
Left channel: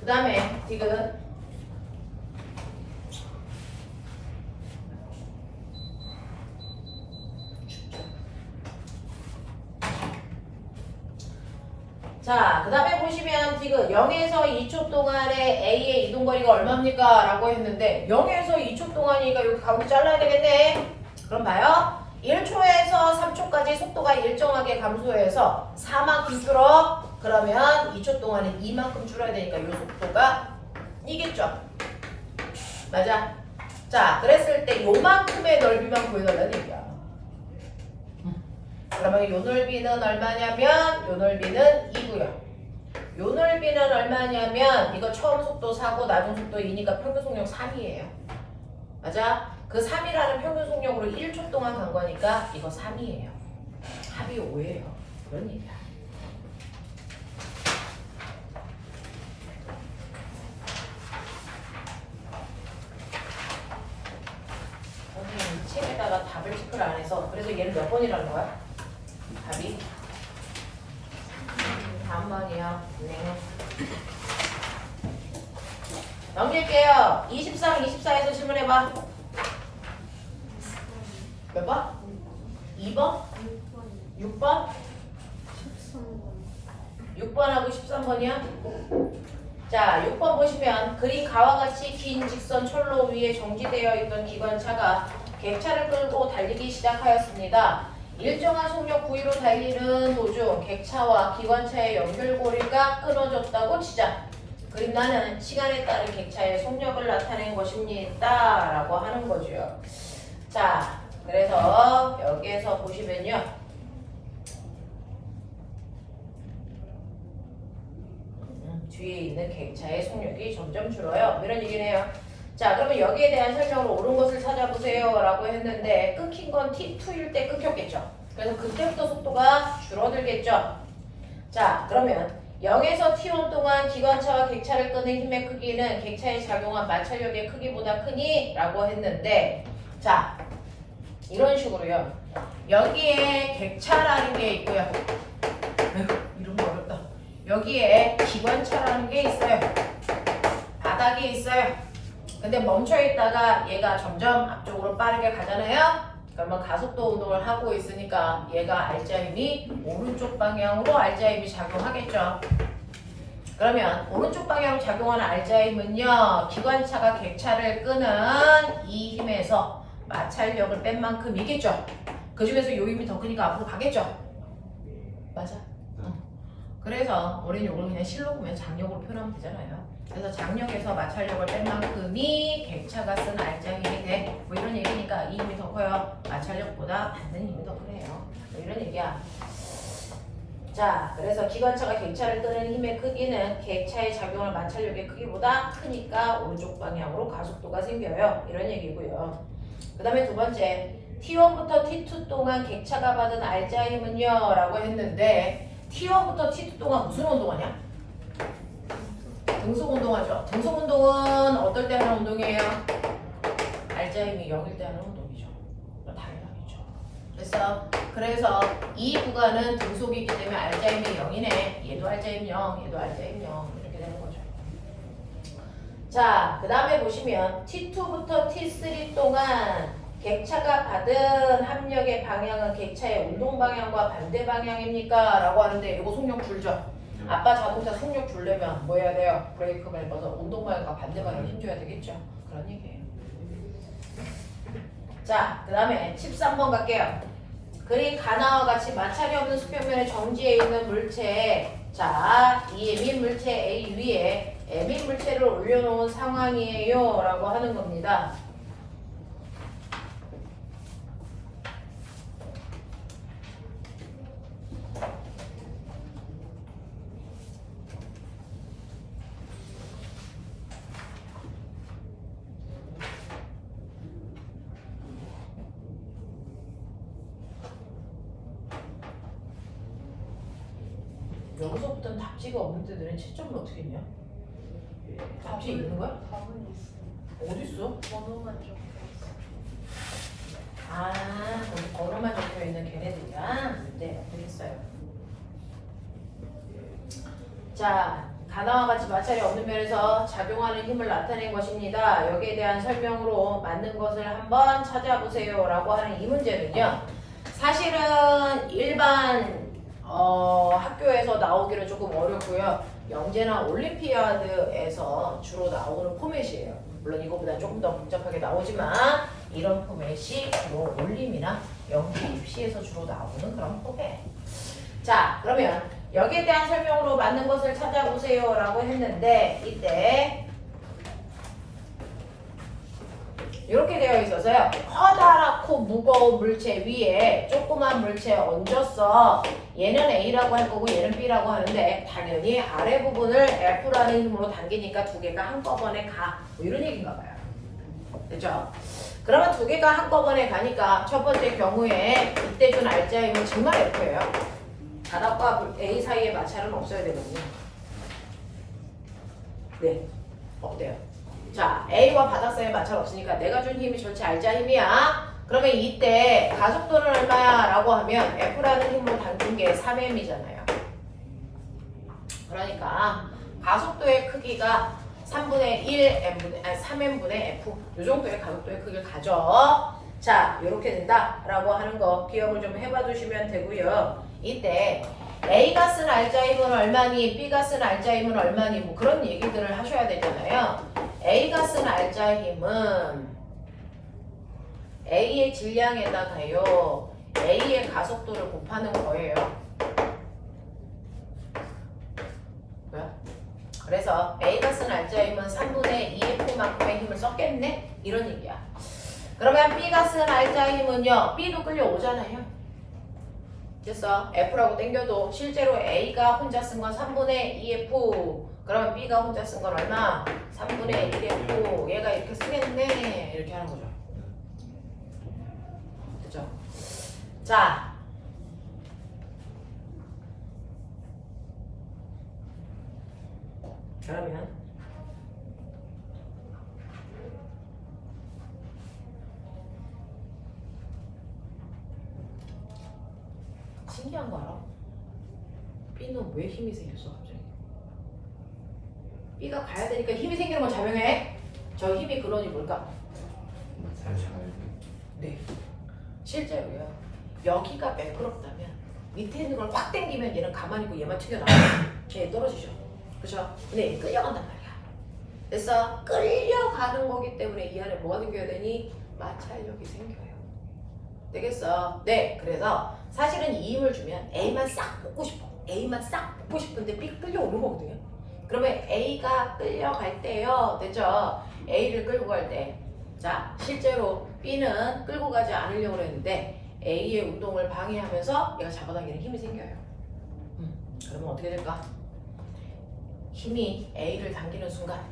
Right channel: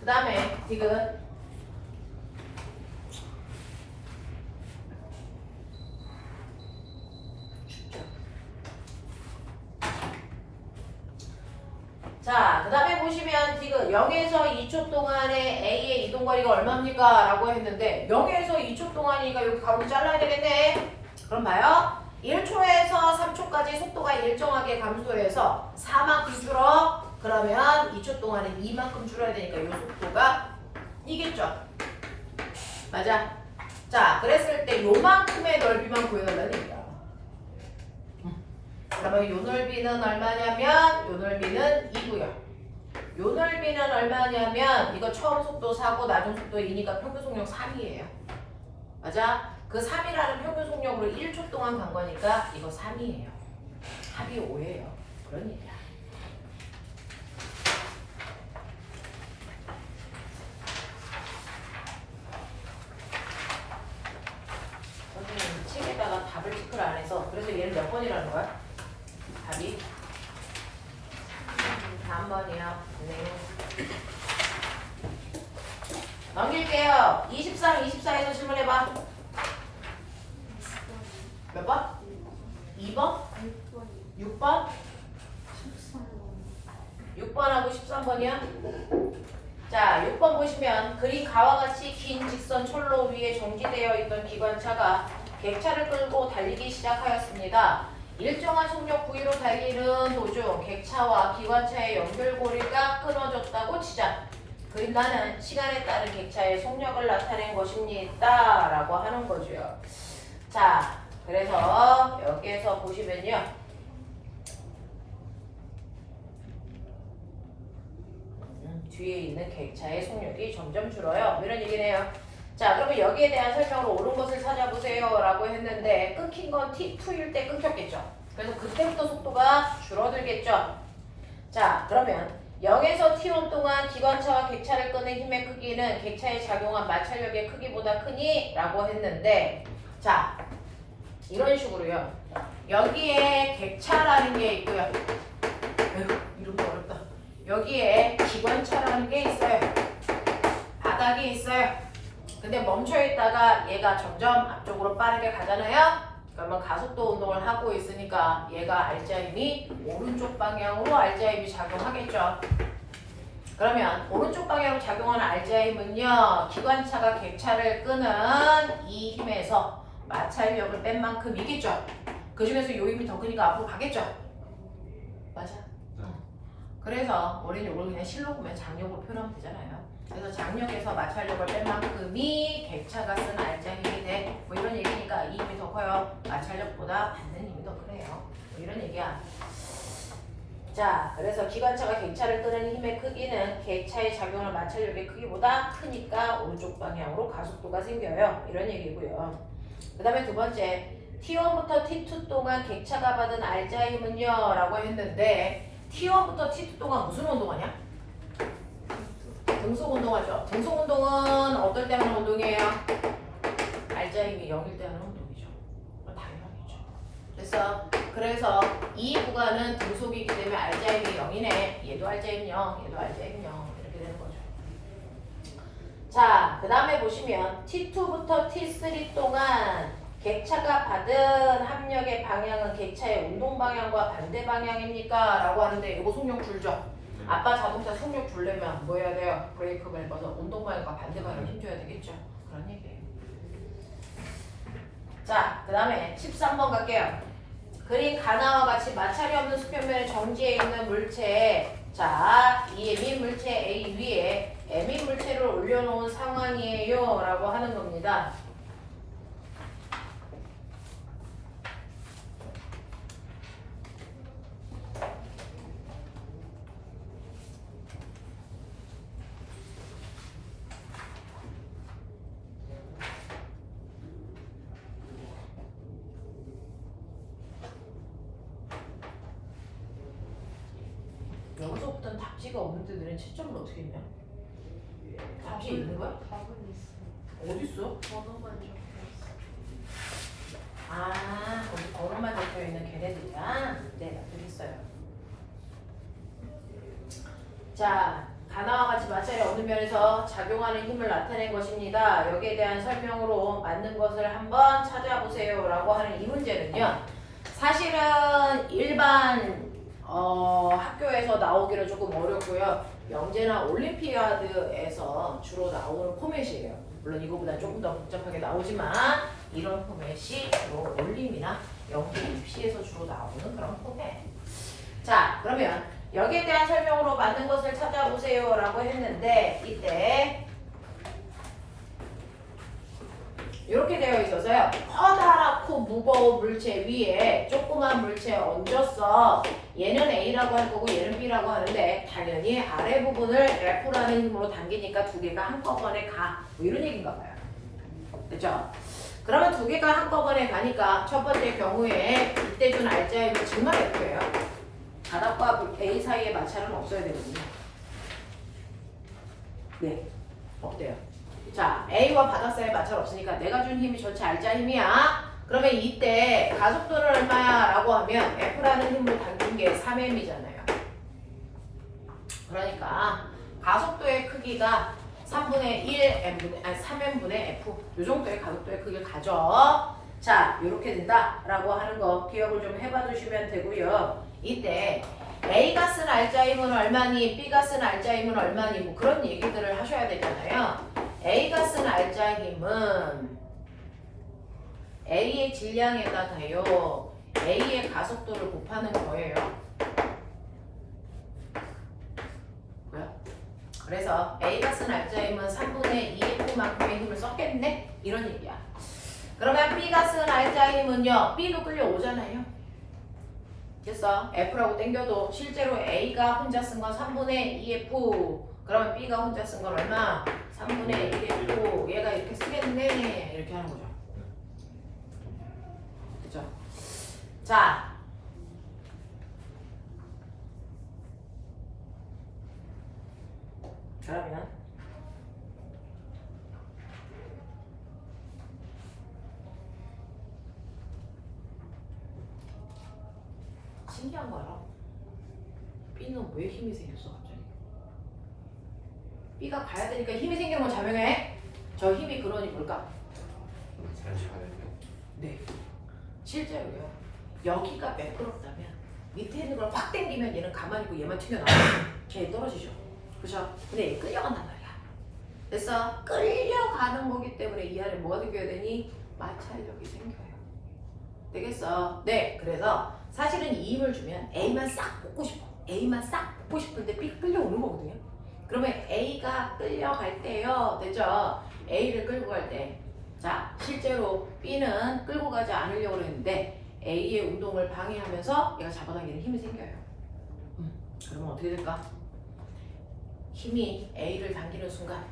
그 다음에 디귿. 자, 그 다음에 보시면 디귿 0에서 2초 동안의 A의 이동거리가 얼마입니까? 라고 했는데 0에서 2초 동안이니까 여기 가운데 잘라야 되겠네. 그럼 봐요. 1초에서 3초까지 속도가 일정하게 감소해서 4만큼 줄어. 그러면 2초 동안에 2만큼 줄어야 되니까 이 속도가 이겠죠. 맞아. 자, 그랬을 때 요만큼의 넓이만 구해달라는 얘기야. 그러면 요 넓이는 얼마냐면 요 넓이는 2고요. 요 넓이는 얼마냐면 이거 처음 속도 4고 나중 속도 2니까 평균 속력 3이에요. 맞아? 그 3이라는 평균 속력으로 1초 동안 간 거니까 이거 3이에요. 합이 5예요. 그런 얘기야. 선생님 책에다가 답을 체크를 안 해서 그래서 얘를 몇 번이라는 거야? 답이 3번이요. 넘길게요. 23, 24에서 질문해봐. 몇 번? 2번? 6번? 6번하고 13번이야? 자, 6번 보시면 그린 가와 같이 긴 직선 철로 위에 정지되어 있던 기관차가 객차를 끌고 달리기 시작하였습니다. 일정한 속력 V로 달리는 도중 객차와 기관차의 연결고리가 끊어졌다고 치자. 그림 나는 시간에 따른 객차의 속력을 나타낸 것입니다. 라고 하는 거죠. 자, 그래서 여기에서 보시면요. 뒤에 있는 객차의 속력이 점점 줄어요. 이런 얘기네요. 자, 그러면 여기에 대한 설명으로 옳은 것을 찾아보세요 라고 했는데 끊긴 건 T2일 때 끊겼겠죠. 그래서 그때부터 속도가 줄어들겠죠. 자, 그러면 0에서 T1 동안 기관차와 객차를 끄는 힘의 크기는 객차에 작용한 마찰력의 크기보다 크니? 라고 했는데 자, 이런 식으로요. 여기에 객차라는 게 있고요. 이름도 어렵다. 여기에 기관차라는 게 있어요. 바닥이 있어요. 근데 멈춰 있다가 얘가 점점 앞쪽으로 빠르게 가잖아요. 그러면 가속도 운동을 하고 있으니까 얘가 알자힘이 오른쪽 방향으로 알자힘이 작용하겠죠. 그러면 오른쪽 방향으로 작용하는 알자힘은요. 기관차가 객차를 끄는 이 힘에서 마찰력을 뺀 만큼이겠죠. 그 중에서 요 힘이 더 크니까 앞으로 가겠죠. 맞아. 그래서 우리는 이걸 그냥 실로 보면 장력으로 표현하면 되잖아요. 그래서 장력에서 마찰력을 뺀 만큼이 객차가 쓴 알자힘이 돼. 뭐 이런 얘기니까 이 힘이 더 커요. 마찰력보다 받는 힘이 더 크네요. 뭐 이런 얘기야. 자, 그래서 기관차가 객차를 끄는 힘의 크기는 객차에 작용할 마찰력의 크기보다 크니까 오른쪽 방향으로 가속도가 생겨요. 이런 얘기고요. 그 다음에 두 번째, T1부터 T2 동안 객차가 받은 알자힘은요 라고 했는데 T1부터 T2 동안 무슨 운동하냐? 등속 운동하죠. 등속 운동은 어떨 때 하는 운동이에요? 알자힘이 0일 때 하는 운동이죠. 당연하겠죠. 그래서 이 구간은 등속이기 때문에 알자힘이 0이네. 얘도 알자힘 0, 얘도 알자힘 0 이렇게 되는 거죠. 자, 그 다음에 보시면 T2부터 T3 동안 객차가 받은 합력의 방향은 객차의 운동 방향과 반대 방향입니까? 라고 하는데 이거 속력 줄죠? 아빠 자동차 속력 줄려면 뭐 해야 돼요? 브레이크 밟아서 운동 방향과 반대 방향에 힘줘야 되겠죠? 그런 얘기예요. 자, 그 다음에 13번 갈게요. 그린 가나와 같이 마찰이 없는 수평면에 정지해 있는 물체에 자, 이 M인 물체 A 위에 M인 물체를 올려놓은 상황이에요 라고 하는 겁니다. 여기서부터는 답지가 없는데 너는 채점을 어떻게 했냐? 답지 있는 거야? 답은 있어. 어디 있어? 번호만 적혀 아, 거기 번호만 적혀 있는 걔네들이야? 네, 알겠어요. 자, 가나와 같이 마찰이 없는 면에서 작용하는 힘을 나타낸 것입니다. 여기에 대한 설명으로 맞는 것을 한번 찾아보세요 라고 하는 이 문제는요. 사실은 일반 학교에서 나오기는 조금 어렵고요. 영재나 올림피아드에서 주로 나오는 포맷이에요. 물론 이거보다 조금 더 복잡하게 나오지만 이런 포맷이 주로 올림이나 영재 입시에서 주로 나오는 그런 포맷. 자, 그러면 여기에 대한 설명으로 맞는 것을 찾아보세요 라고 했는데 이때 이렇게 되어 있어서요. 커다랗고 무거운 물체 위에 조그만 물체 얹었어. 얘는 A라고 할 거고 얘는 B라고 하는데 당연히 아래 부분을 F라는 힘으로 당기니까 두 개가 한꺼번에 가. 뭐 이런 얘기인가 봐요. 그죠? 그러면 두 개가 한꺼번에 가니까 첫 번째 경우에 이때 준 알자힘은 정말 F예요. 바닥과 A 사이의 마찰은 없어야 되거든요. 네, 없대요. 자, A와 바닥 사이에 마찰 없으니까 내가 준 힘이 전체 알자힘이야. 그러면 이때 가속도는 얼마야? 라고 하면 F라는 힘으로 당긴 게 3M이잖아요. 그러니까 가속도의 크기가 3분의 3n분의 f 요 정도의 가속도의 크기를 가져. 자, 이렇게 된다라고 하는 거 기억을 좀 해봐 두시면 되고요. 이때 A가 쓴 알자임은 얼마니, B가 쓴 알자임은 얼마니, 뭐 그런 얘기들을 하셔야 되잖아요. A가 쓴 알자임은 A의 질량에다가요 A의 가속도를 곱하는 거예요. 뭐야? 그래서 A가 쓴 알자임은 3분의 2F만큼의 힘을 썼겠네? 이런 얘기야. 그러면 B가 쓴 알자임은요, B도 끌려오잖아요. 됐어? F라고 땡겨도 실제로 A가 혼자 쓴 건 3분의 2F. 그러면 B가 혼자 쓴 건 얼마? 3분의 1F. 얘가 이렇게 쓰겠네. 이렇게 하는 거죠. 그죠? 자. 그러면 신기한 거야. B는 왜 힘이 생겼어 갑자기? B가 가야 되니까 힘이 생기는 건 자명해. 저 힘이 그러니 뭘까? 네. 실제로요. 여기가 매끄럽다면 밑에 있는 걸 확 당기면 얘는 가만히 있고 얘만 튀겨나와. 걔 떨어지죠. 그렇죠? 근데 얘 끌려간단 말이야. 그래서 끌려가는 거기 때문에 이 안에 뭐가 생겨야 되니? 마찰력이 생겨요. 되겠어? 네. 그래서 사실은 이 힘을 주면 A만 싹 뽑고 싶어. A만 싹 뽑고 싶은데 B 끌려오는 거거든요. 그러면 A가 끌려갈 때요. 됐죠? A를 끌고 갈 때. 자, 실제로 B는 끌고 가지 않으려고 했는데 A의 운동을 방해하면서 얘가 잡아당기는 힘이 생겨요. 그러면 어떻게 될까? 힘이 A를 당기는 순간.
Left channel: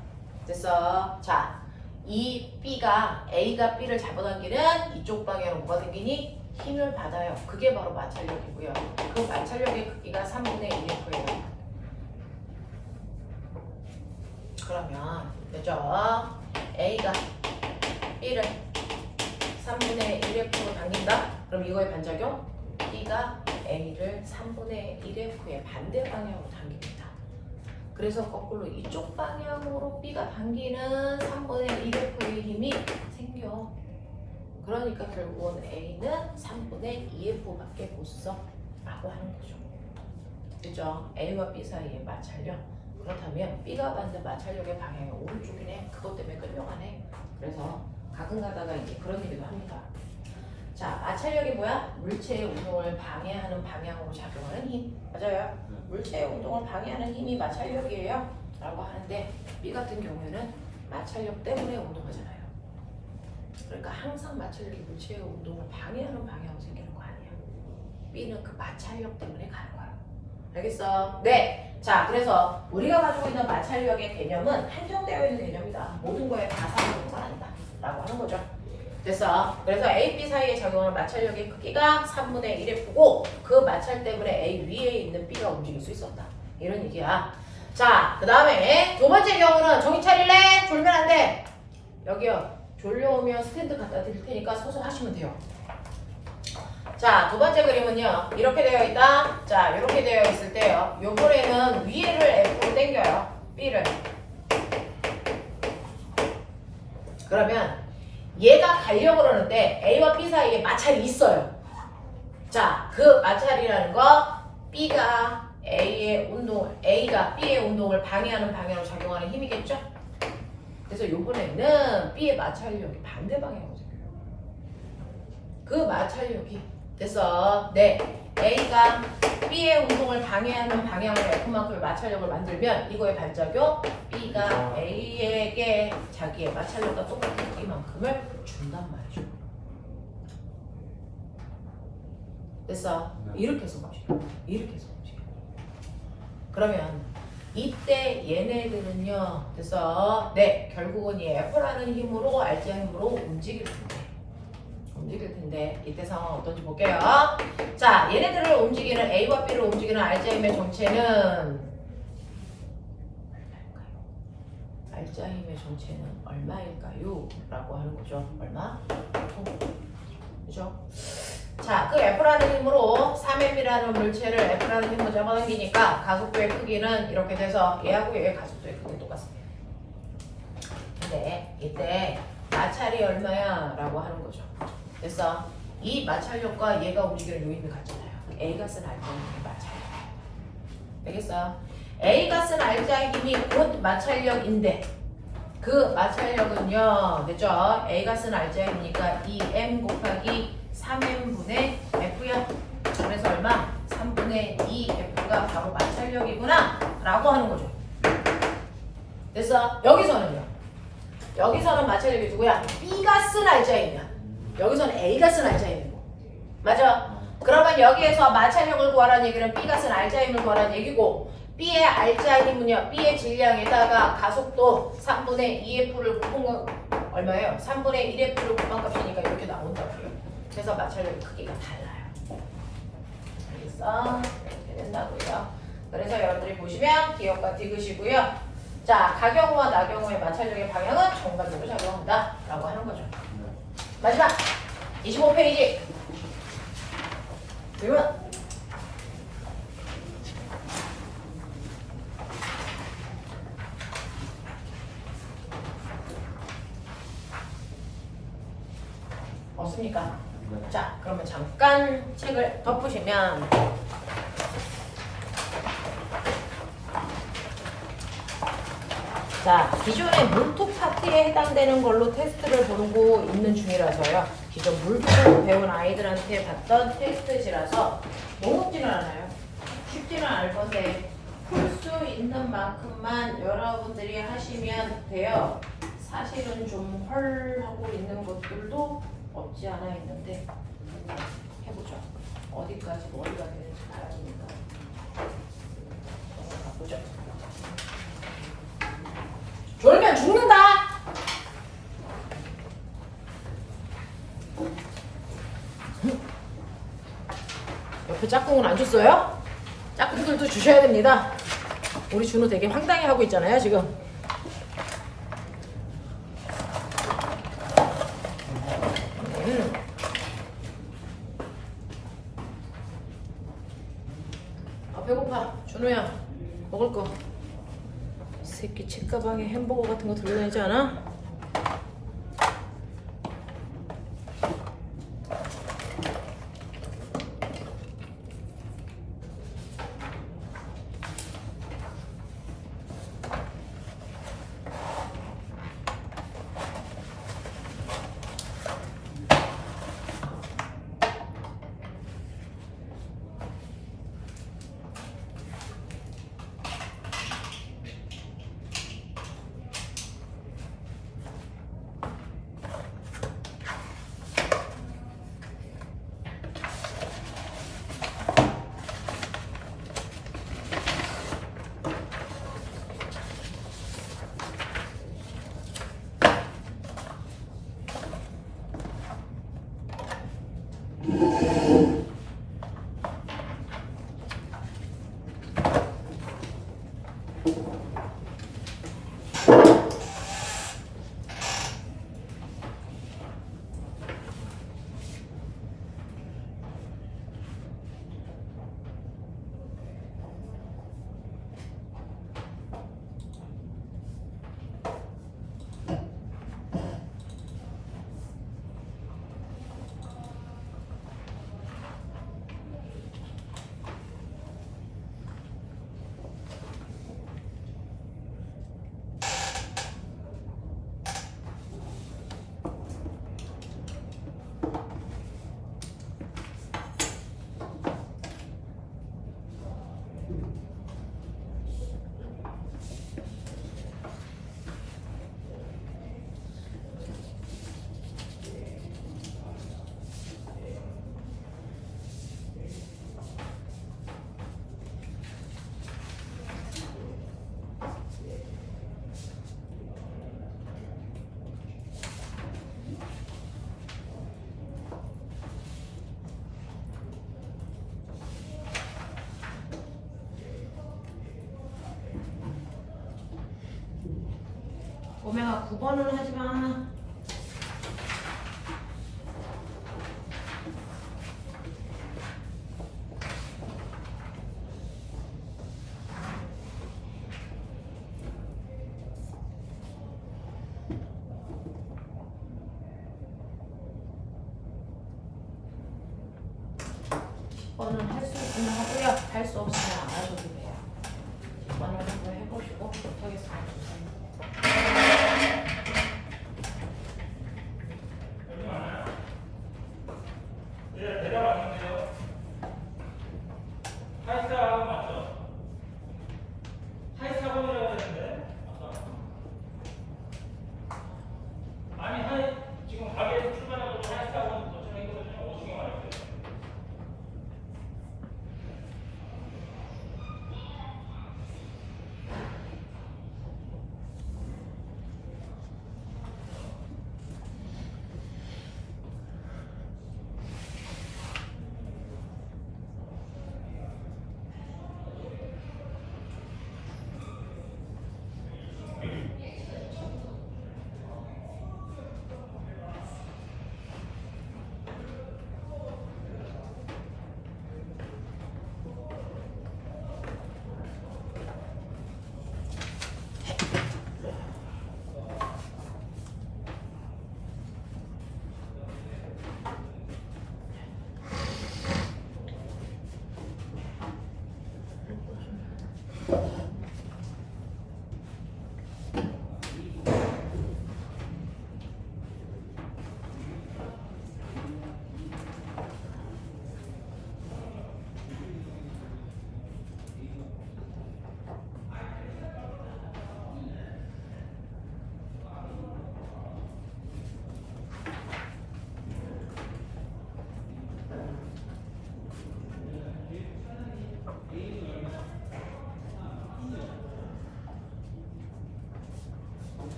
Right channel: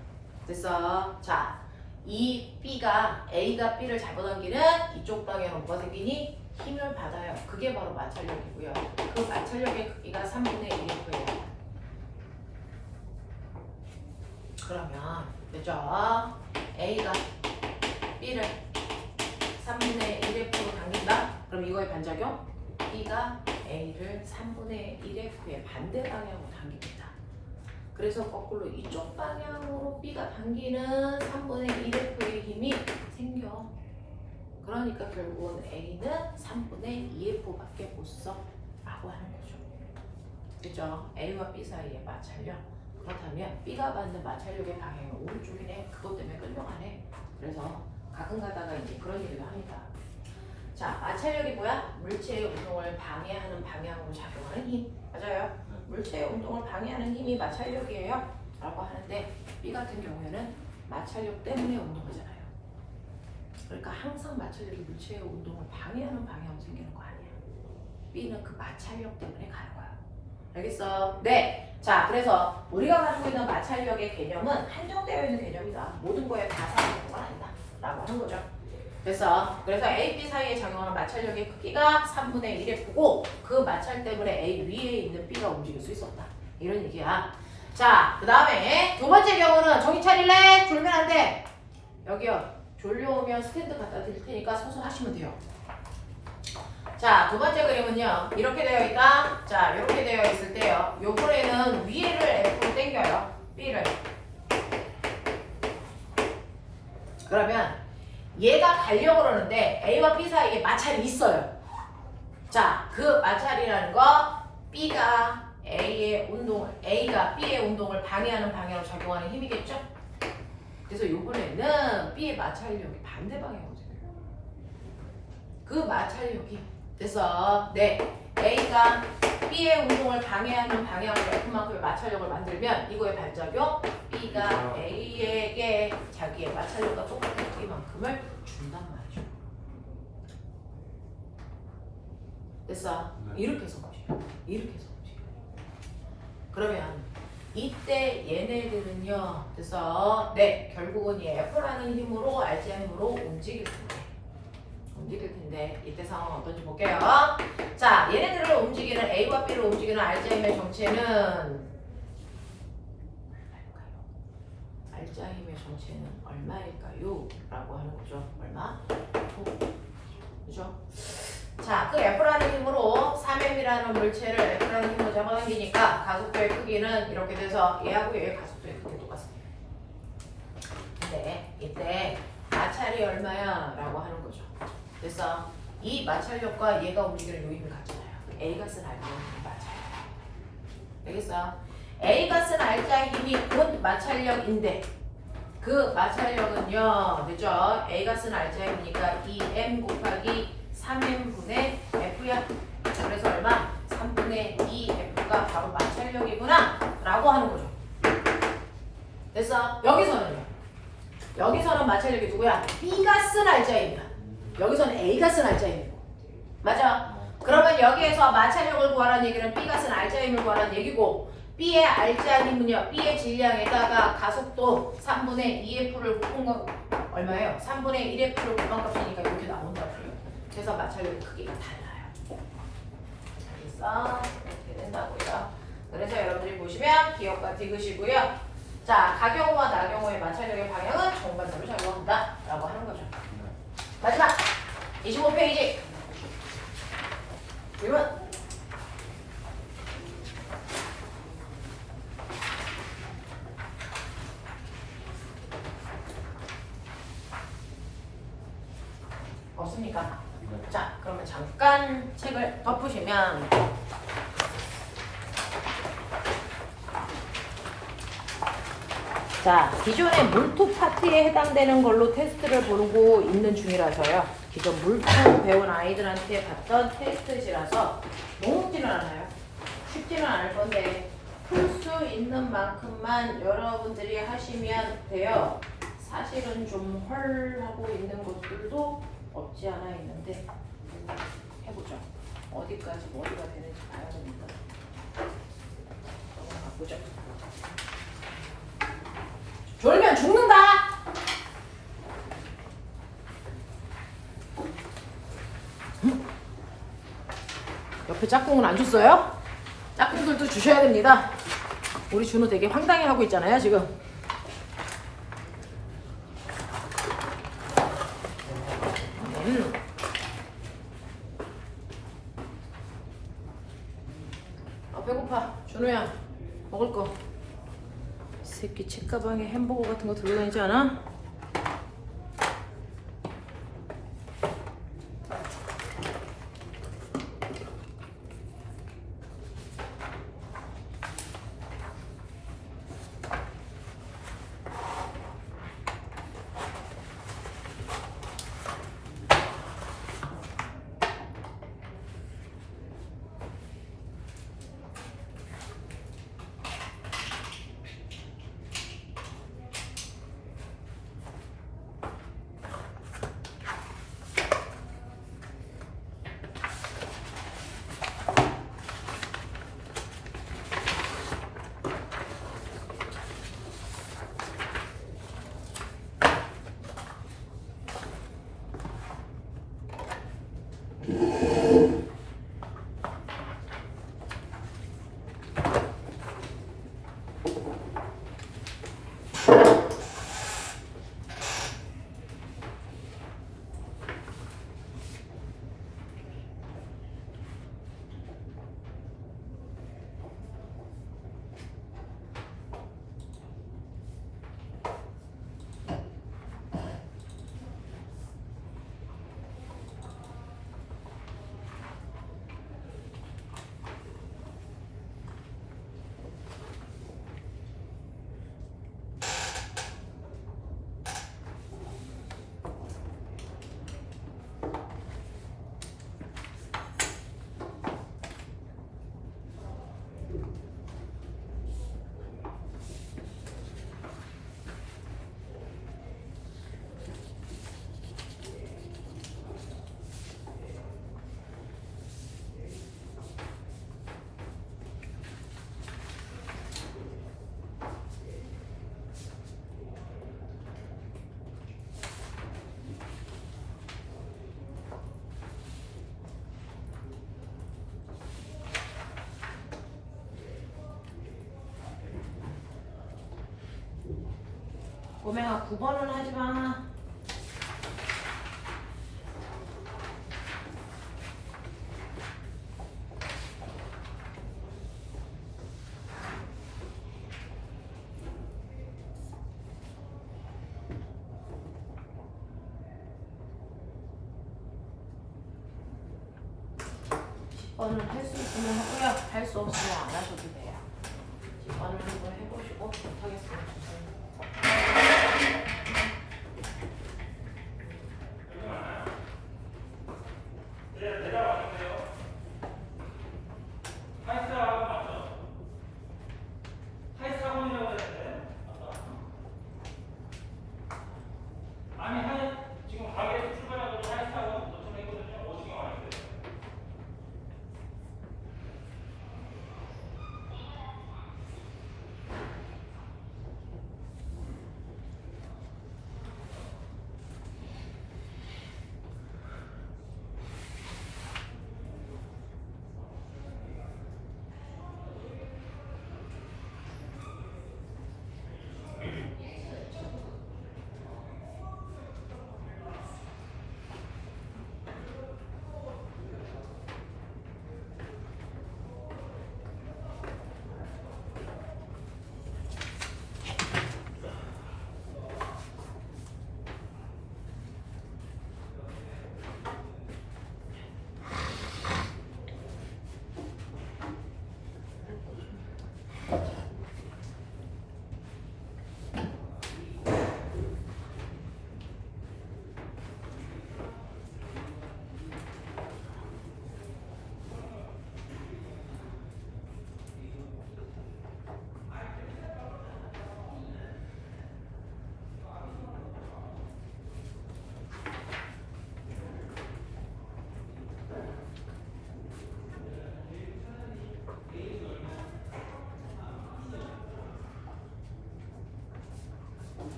됐어? 자, 이 A가 B를 잡아당기는 이쪽 방향으로 뭐가 생기니? 힘을 받아요. 그게 바로 마찰력이고요. 그 마찰력의 크기가 3분의 1F예요. 그러면 됐죠? A가 B를 3분의 1F로 당긴다? 그럼 이거의 반작용? B가 A를 3분의 1F의 반대 방향으로 당깁니다. 그래서 거꾸로 이쪽 방향으로 B가 당기는 3분의 1F의 힘이 생겨. 그러니까 결국은 A는 3분의 2F밖에 못 써 라고 하는 거죠. 그죠? A와 B 사이의 마찰력. 그렇다면 B가 받는 마찰력의 방향이 오른쪽이네. 그것 때문에 끌려가네. 그래서 가끔 가다가 이제 그런 얘기도 합니다. 자, 마찰력이 뭐야? 물체의 운동을 방해하는 방향으로 작용하는 힘. 맞아요. 물체의 운동을 방해하는 힘이 마찰력이에요. 라고 하는데 B 같은 경우에는 마찰력 때문에 운동하잖아요. 그러니까 항상 마찰력이 물체의 운동을 방해하는 방향으로 생기는 거 아니야. B는 그 마찰력 때문에 가는 거야. 알겠어? 네. 자, 그래서 우리가 가지고 있는 마찰력의 개념은 한정되어 있는 개념이다. 모든 거에 다 상관없는 건 아니다. 라고 하는 거죠. 됐어? 그래서 A, B 사이에 작용하는 마찰력의 크기가 3분의 1F고 그 마찰 때문에 A 위에 있는 B가 움직일 수 있었다. 이런 얘기야. 자, 그 다음에 두 번째 경우는 정신 차릴래? 졸면 안 돼. 여기요. 졸려오면 스탠드 갖다 드릴 테니까 서서 하시면 돼요. 자, 두 번째 그림은요. 이렇게 되어 있다. 자, 이렇게 되어 있을 때요. 요번에는 위에를 F로 당겨요. B를. 그러면 얘가 가려고 그러는데 A와 B 사이에 마찰이 있어요. 자, 그 마찰이라는 거 B가 A가 B의 운동을 방해하는 방향으로 작용하는 힘이겠죠? 그래서 요번에는 B의 마찰력이 반대 방향으로 생겨요. 그 마찰력이 됐어. 네. A가 B의 운동을 방해하는 방향으로 F만큼의 마찰력을 만들면 이거의 반작용 B가 A에게 자기의 마찰력과 똑같은 크기만큼을 준단 말이죠. 됐어. 이렇게 해서 보시죠. 이렇게 해서 보시죠. 그러면 이때 얘네들은요. 됐어. 네. 결국은 이 F라는 힘으로 RGM으로 움직일 텐데 이때 상황은 어떤지 볼게요. 자, 얘네들을 움직이는 A와 B를 움직이는 RGM의 정체는 알자힘의 정체는 얼마일까요? 라고 하는 거죠. 얼마? 그죠? 자, 그 F라는 힘으로 3m이라는 물체를 F라는 힘으로 잡아당기니까 가속도의 크기는 이렇게 돼서 얘하고 얘의 가속도의 크기 똑같습니다. 근데 이때 마찰이 얼마야? 라고 하는 거죠. 그래서 이 마찰력과 얘가 움직이는 요인을 같잖아요. A가 쓴 알자의 힘이 마찰력. 되겠어? A가 쓴 알자의 힘이 곧 마찰력인데 그 마찰력은요, 그죠? A가 쓴 알자의 힘이니까 2m 곱하기 3m분의 F야. 그래서 얼마? 3분의 2F가 바로 마찰력이구나 라고 하는 거죠. 됐어? 여기서는요. 여기서는 마찰력이 누구야? B가 쓴 알자의 힘이야. 여기서는 A가 쓴 알자의 힘이고. 맞아? 그러면 여기에서 마찰력을 구하라는 얘기는 B가 쓴 알자의 힘을 구하라는 얘기고 B의 알자의 힘은요. B의 질량에다가 가속도 3분의 2F를 곱한 얼마예요? 3분의 1F를 곱한 값이니까 이렇게 나온다고요. 그래서 마찰력의 크기가 달라요. 알겠어? 이렇게 된다고요. 그래서 여러분들이 보시면 기억과 디귿이고요. 자, 가경우와 나경우의 마찰력의 방향은 정반대로 작용한다 라고 하는 거죠. 마지막 25페이지 질문. 없습니까? 자, 그러면 잠깐 책을 덮으시면 자, 기존의 물투 파트에 해당되는 걸로 테스트를 부르고 있는 중이라서요. 기존 물투 배운 아이들한테 봤던 테스트지라서 너무지는 않아요. 쉽지는 않을 건데 풀 수 있는 만큼만 여러분들이 하시면 돼요. 사실은 좀 헐하고 있는 것들도 없지 않아 있는데 해보죠. 어디까지 머리가 되는지 봐보니까 가보죠. 졸면 죽는다. 옆에 짝꿍은 안 줬어요? 짝꿍들도 주셔야 됩니다. 우리 준호 되게 황당해하고 있잖아요 지금. 배고파. 준호야 먹을 거. 새끼 책가방에 햄버거 같은 거 들고 다니지 않아? 오메가 9번을 하지 마. 할 수 없으면 안 하셔도 돼요. 이번을 한번 해보시고 못하겠으면 주세요.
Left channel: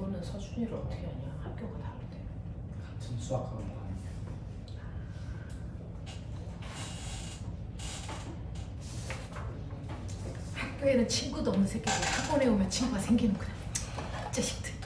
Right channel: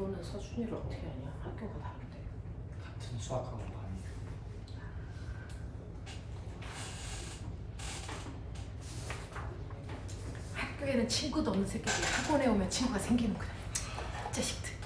너는 서준이를 어떻게 하냐? 학교가 다른데. 같은 수학학원 다니고. 학교에는 친구도 없는 새끼들 학원에 오면 친구가 생기는 거야. 자식들.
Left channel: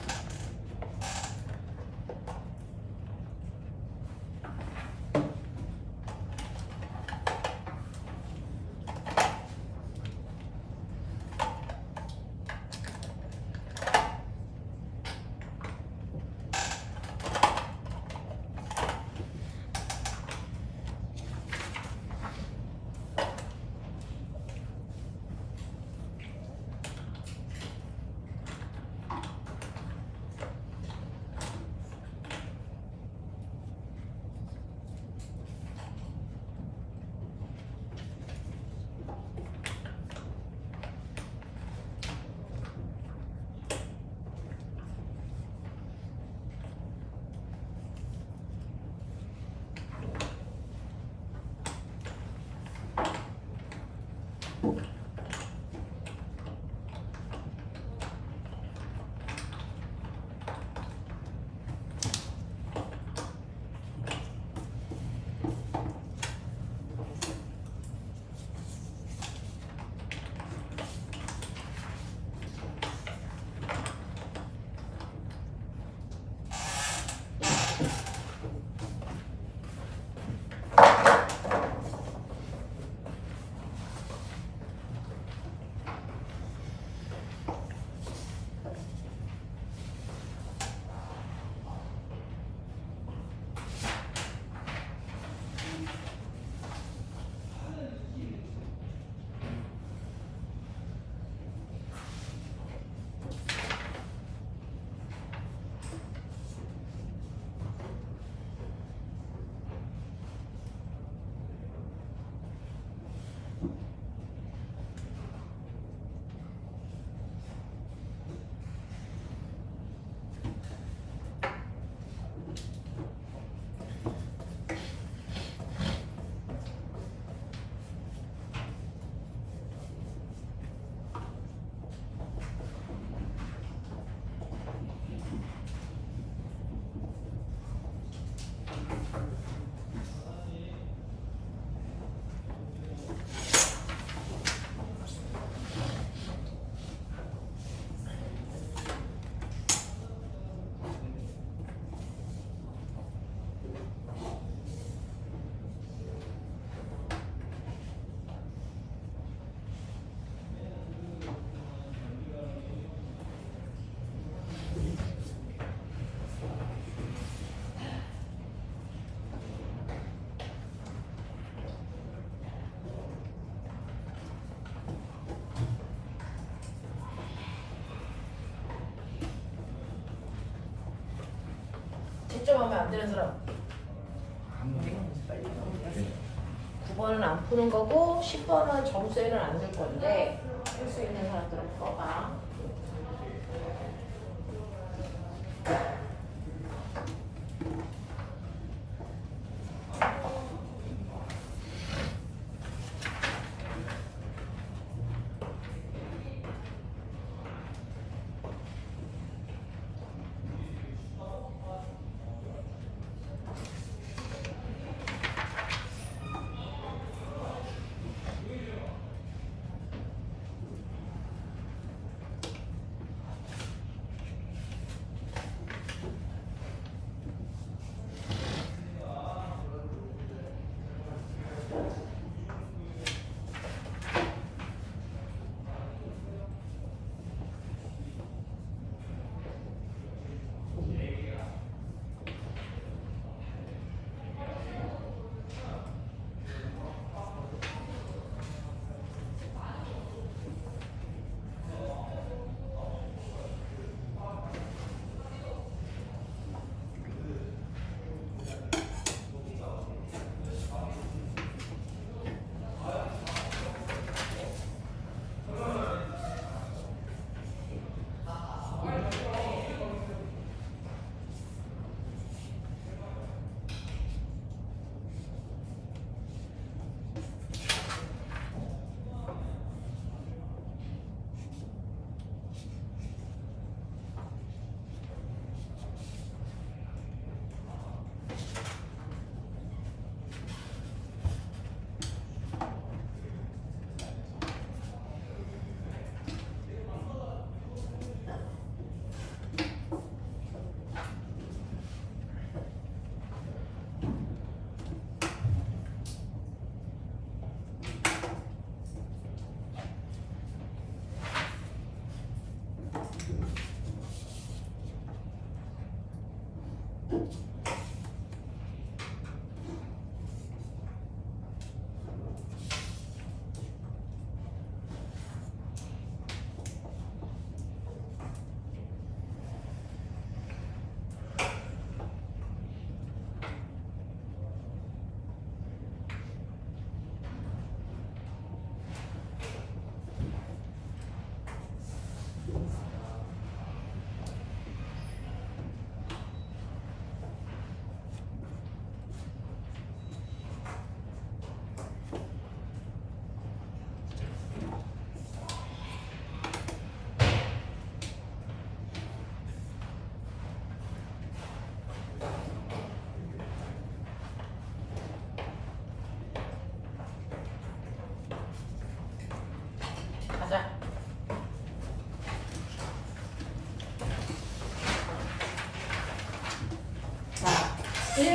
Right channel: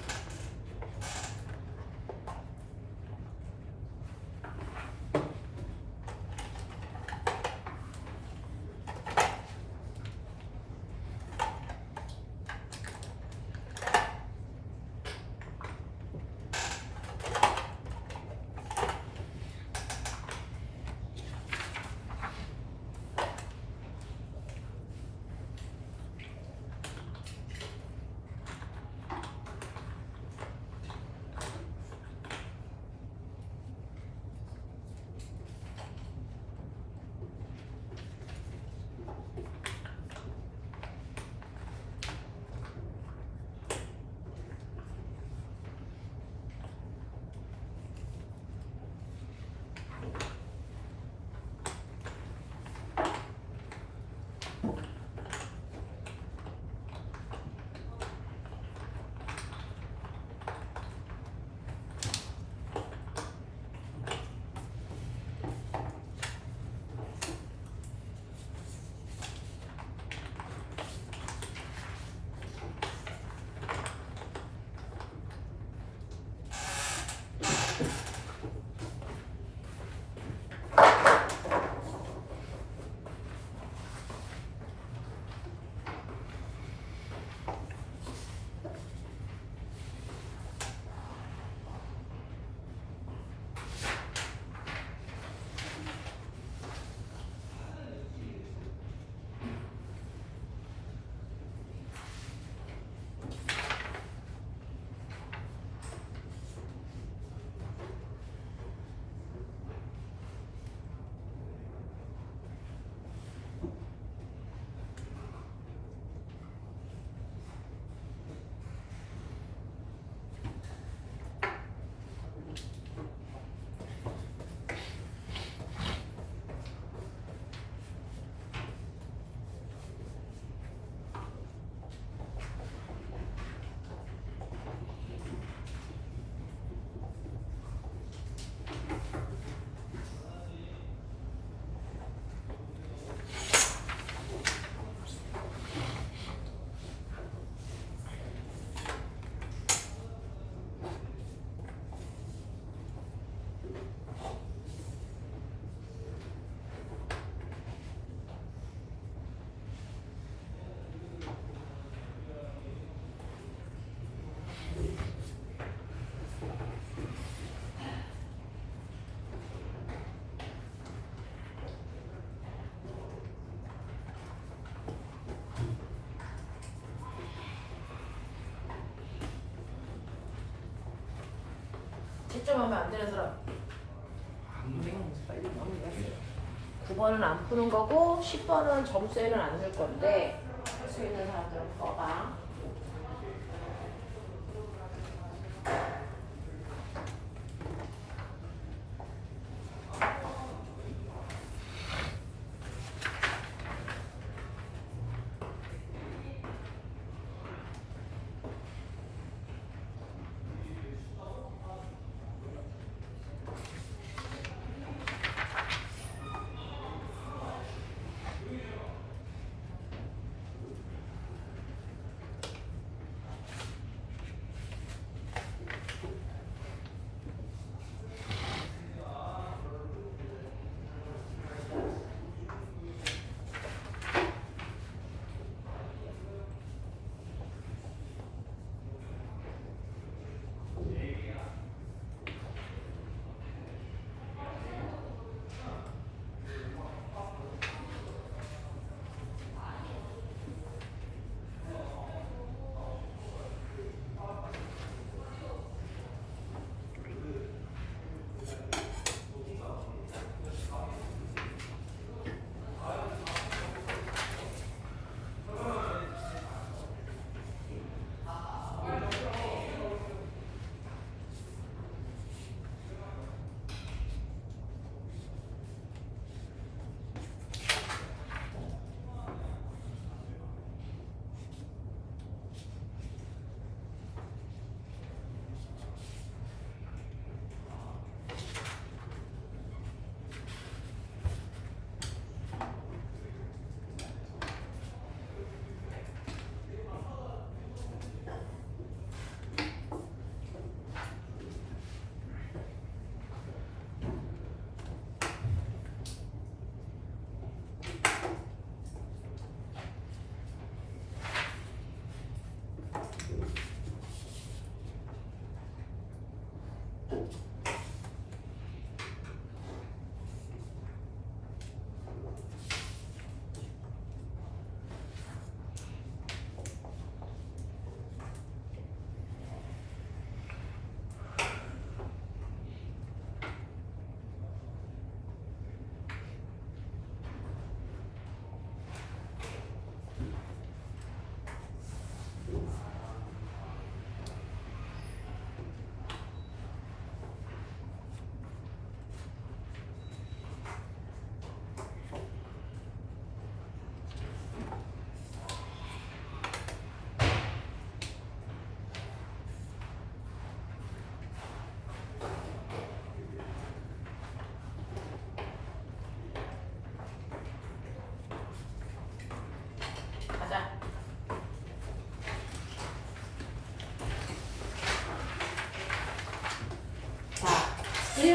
채점하면 안 되는 사람. 9번은 안 푸는 거고 10번은 점수에는 안 넣을 건데 할 수 있는 사람들은 꺼봐.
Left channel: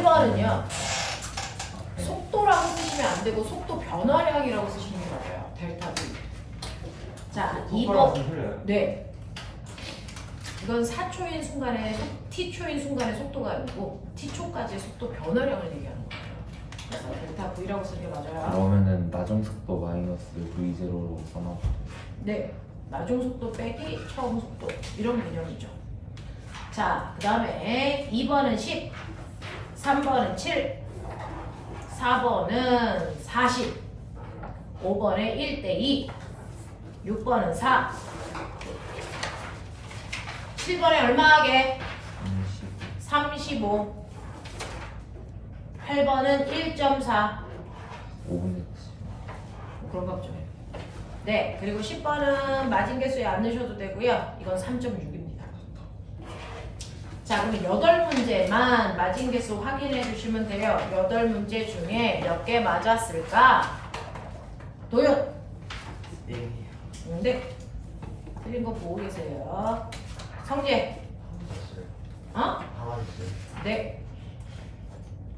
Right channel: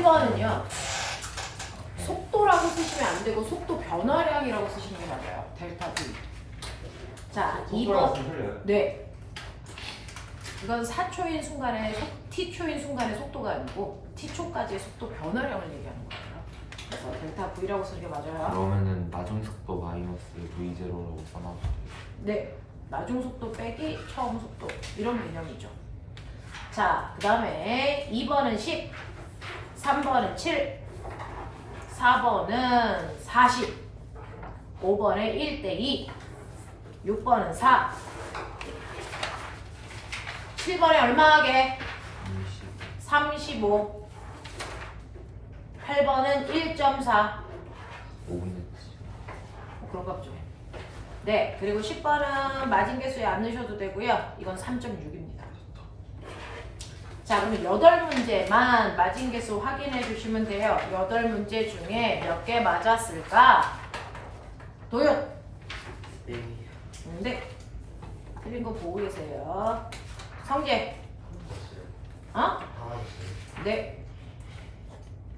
7번은요. 속도라고 쓰시면 안 되고 속도 변화량이라고 쓰시는 게 맞아요. 델타 V. 자, 2번. 틀려요? 네. 이건 4초인 순간에 t초인 순간의 속도가 아니고 t초까지의 속도 변화량을 얘기하는 거예요. 그래서 델타 V라고 쓰는 게 맞아요. 그러면은 나중 속도 마이너스 V0로 써놔도 돼요. 네. 나중 속도 빼기 처음 속도 이런 개념이죠. 자, 그 다음에 2번은 10, 3번은 7, 4번은 40, 5번에 1대2, 6번은 4, 7번에 얼마 하게? 35, 8번은 1.4, 5분의 그런 거 없죠. 네, 그리고 10번은 마진개수에 안 넣으셔도 되고요. 이건 3.6입니다. 자, 그럼 8문제만 마진개수 확인해 주시면 돼요. 8문제 중에 몇 개 맞았을까? 도윤! 네. 틀린 거 보고 계세요. 성재! 어? 네.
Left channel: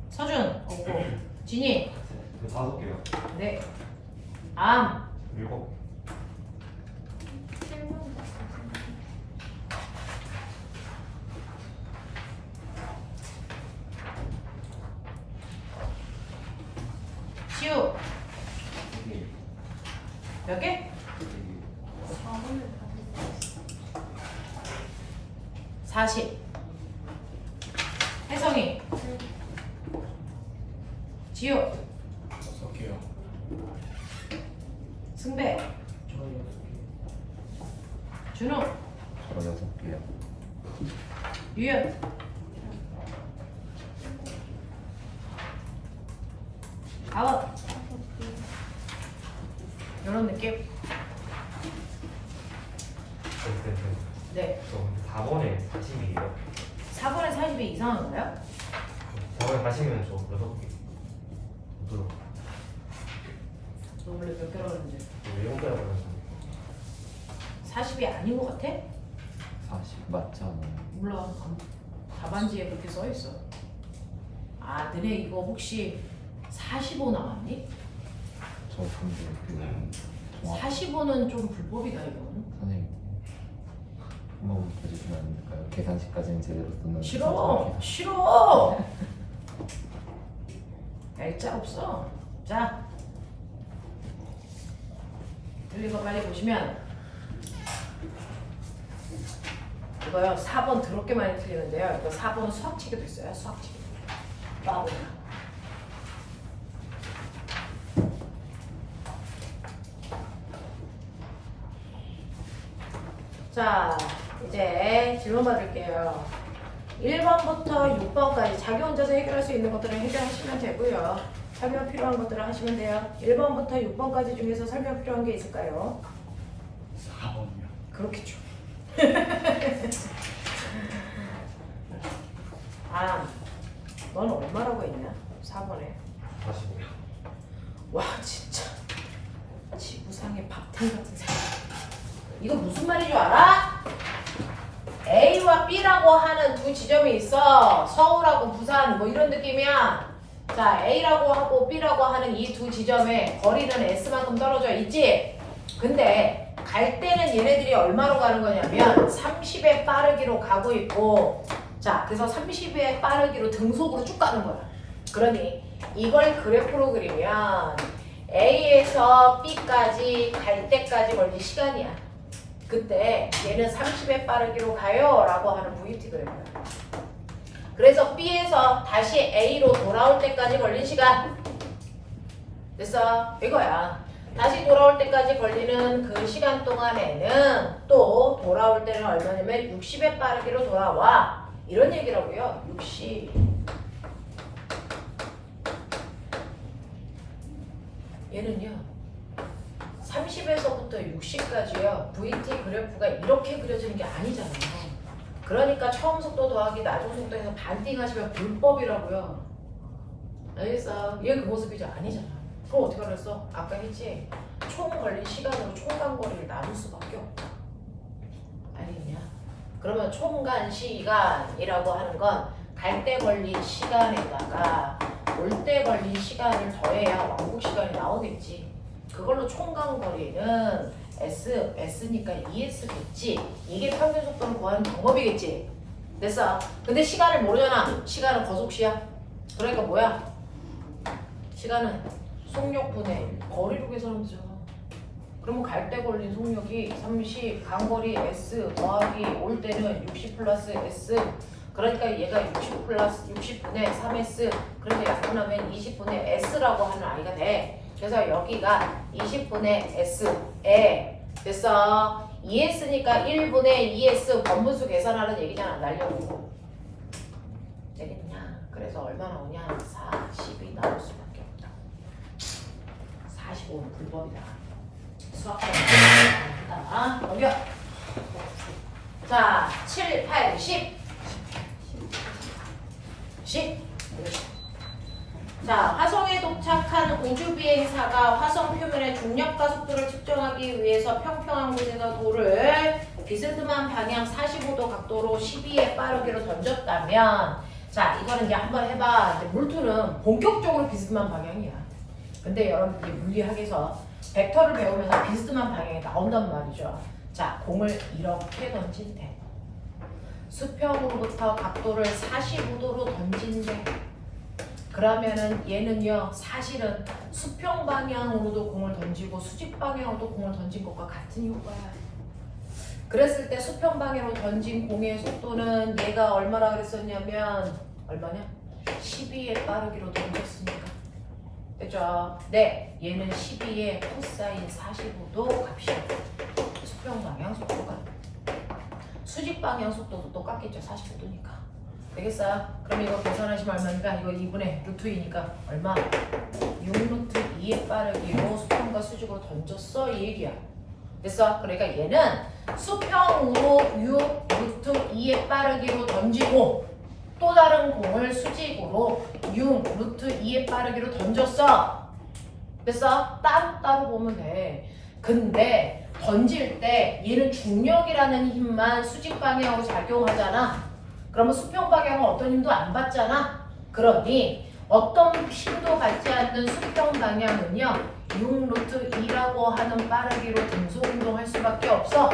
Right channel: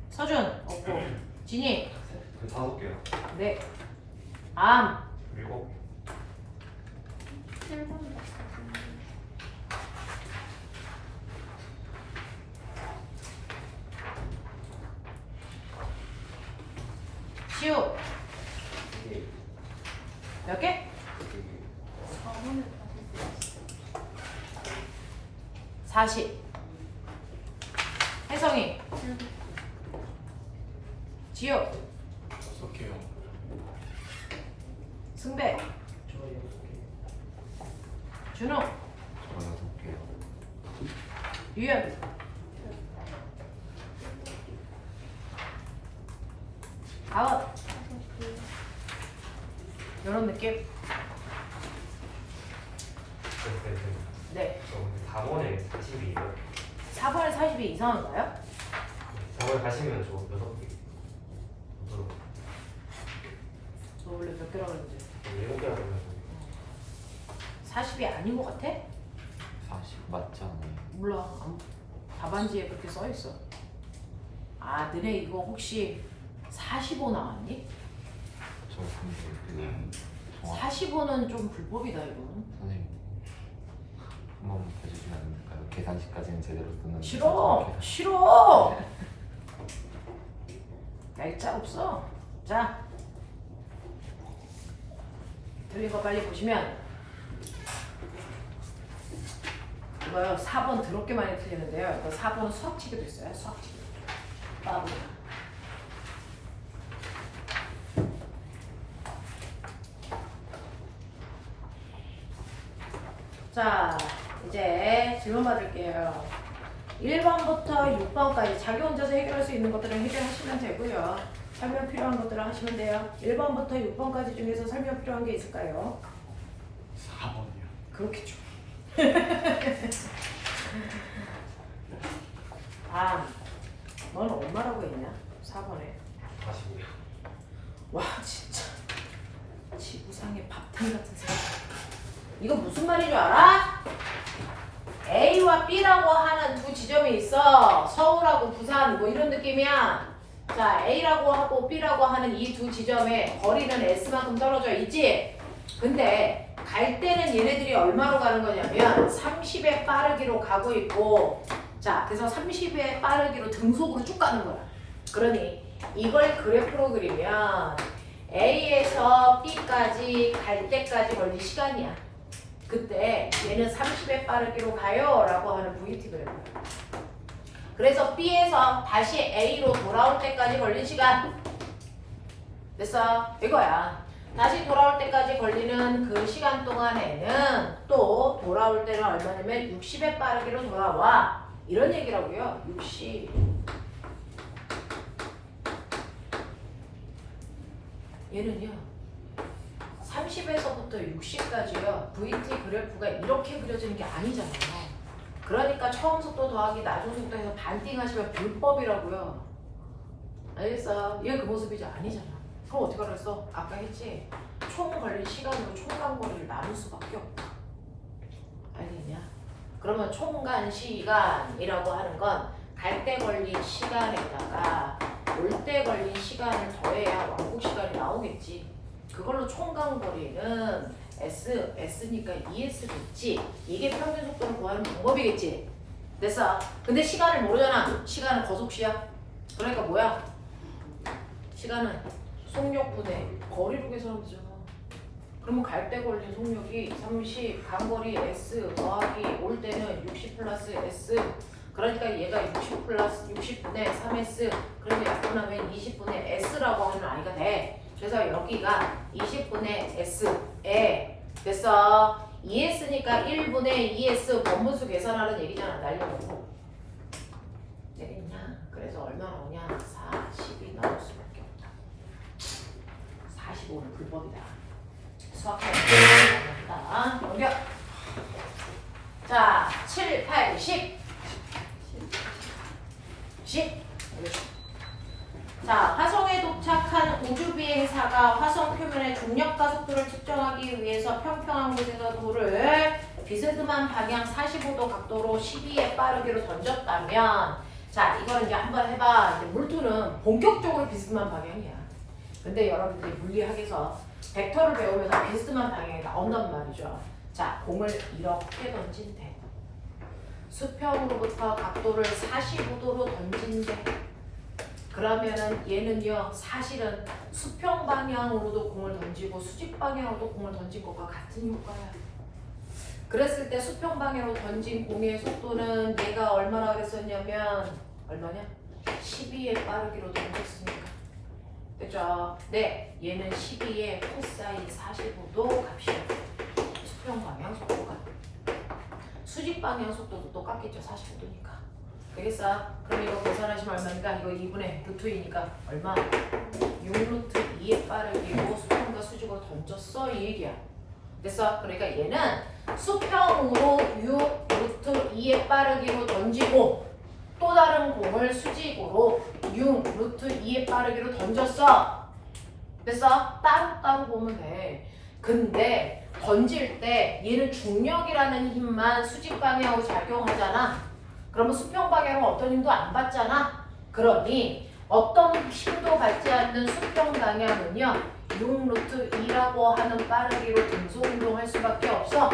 서준! 없고. 진희! 그 5개요. 네. 암! 7. 시우! 몇 개? 40. 혜성이. 지우. 6개요. 승배. 준호. 저 6개요. 유연. 가원. 이런 느낌? 네. 4번에 42요. 4번에 40이 이상한가요? 4번에 40이면 저 6개. 너 원래 몇 개라고 했는데? 7개라고 해서. 40이 아닌 것 같아? 40 맞지 않아요? 몰라. 답안지에 그렇게 써 있어. 아, 너네 이거 혹시 45 나왔니? 저 근데 정확 45는 좀 불법이다 이건. 선생님 한 번만 봐주시면 안 될까요? 계산식까지는 제대로 쓰는 싫어. 싫어. 날짜 없어. 자, 틀린 거 빨리 보시면 이거요. 4번 더럽게 많이 틀리는데요. 이거 4번은 수학치기도 있어요. 수학치기. 봐보니까. 자, 이제 질문 받을게요. 1번부터 6번까지 자기 혼자서 해결할 수 있는 것들은 해결하시면 되고요. 설명 필요한 것들은 하시면 돼요. 1번부터 6번까지 중에서 설명 필요한 게 있을까요? 4번이요. 그렇겠죠. 넌 얼마라고 했냐? 4번에. 45. 와, 진짜. 지구상의 밥탕 같은 사람. 이거 무슨 말인 줄 알아? A와 B라고 하는 두 지점이 있어. 서울하고 부산 뭐 이런 느낌이야. 자, A라고 하고 B라고 하는 이 두 지점의 거리는 S만큼 떨어져 있지? 근데 갈 때는 얘네들이 얼마로 가는 거냐면 30의 빠르기로 가고 있고, 자, 그래서 30의 빠르기로 등속으로 쭉 가는 거야. 그러니 이걸 그래프로 그리면 A에서 B까지 갈 때까지 걸린 시간이야. 그때 얘는 30의 빠르기로 가요 라고 하는 VT 그래프야. 그래서 B에서 다시 A로 돌아올 때까지 걸린 시간 됐어? 이거야. 다시 돌아올 때까지 걸리는 그 시간 동안에는 또 돌아올 때는 얼마냐면 60의 빠르기로 돌아와 이런 얘기라고요. 60. 얘는요 30에서부터 60까지요 VT 그래프가 이렇게 그려지는 게 아니잖아요. 그러니까 처음 속도 더하기 나중 속도에서 반띵 하시면 불법이라고요. 알겠어? 얘 그 모습이지 아니잖아. 그럼 어떻게 알았어? 아까 했지? 총 걸린 시간으로 총간거리를 나눌 수밖에 없다. 알겠냐? 그러면 총간 시간이라고 하는 건 갈 때 걸린 시간에다가 올 때 걸린 시간을 더해야 왕복 시간이 나오겠지. 그걸로 총간거리는 S니까 ES겠지. 이게 평균 속도를 구하는 방법이겠지. 됐어. 근데 시간을 모르잖아. 시간은 거속시야. 그러니까 뭐야? 시간은 속력분의 거리로 계산하면 되잖아. 그러면 갈 때 걸린 속력이 30, 간거리 S 더하기 올 때는 60 플러스 S. 그러니까 얘가 60 플러스 60분의 3S. 그래서 약분하면 20분의 S라고 하는 아이가 돼. 그래서 여기가 20분의 S에 됐어. ES니까 1분의 ES 번분수 계산하는 얘기잖아. 날려보고. 되겠냐? 그래서 얼마 나오냐? 40이 나올 수밖에 없다. 45는 불법이다. 수학하는 거다. 넘겨. 자, 7, 8, 10. 10. 자, 화성에 도착한 우주 비행사가 화성 표면의 중력과 속도를 측정하기 위해서 평평한 곳에서 돌을 비스듬한 방향 45도 각도로 12의 빠르기로 던졌다면, 자, 이거는 이제 한번 해봐. 물투는 본격적으로 비스듬한 방향이야. 근데 여러분들이 물리학에서 벡터를 배우면서 비스듬한 방향이 나온단 말이죠. 자, 공을 이렇게 던진대. 수평으로부터 각도를 45도로 던진대. 그러면은 얘는요, 사실은 수평 방향으로도 공을 던지고 수직 방향으로도 공을 던진 것과 같은 효과야. 그랬을 때 수평 방향으로 던진 공의 속도는 얘가 얼마나 그랬었냐면 얼마냐? 12의 빠르기로 던졌으니까. 됐죠? 네, 얘는 12의 코사인 45도 값이야. 수평 방향 속도가. 수직 방향 속도도 똑같겠죠. 45도니까. 되겠어? 그럼 이거 계산하시면 얼마니까? 이거 2분의 루트 2니까 얼마? 6루트 2의 빠르기로 수평과 수직으로 던졌어 이 얘기야. 됐어? 그러니까 얘는 수평으로 6루트 2의 빠르기로 던지고 또 다른 공을 수직으로 6루트 2의 빠르기로 던졌어. 됐어? 따로따로 보면 돼. 근데 던질 때 얘는 중력이라는 힘만 수직 방향으로 작용하잖아. 그러면 수평 방향은 어떤 힘도 안 받잖아. 그러니 어떤 힘도 받지 않는 수평 방향은요 6루트 2라고 하는 빠르기로 등속운동할 수밖에 없어.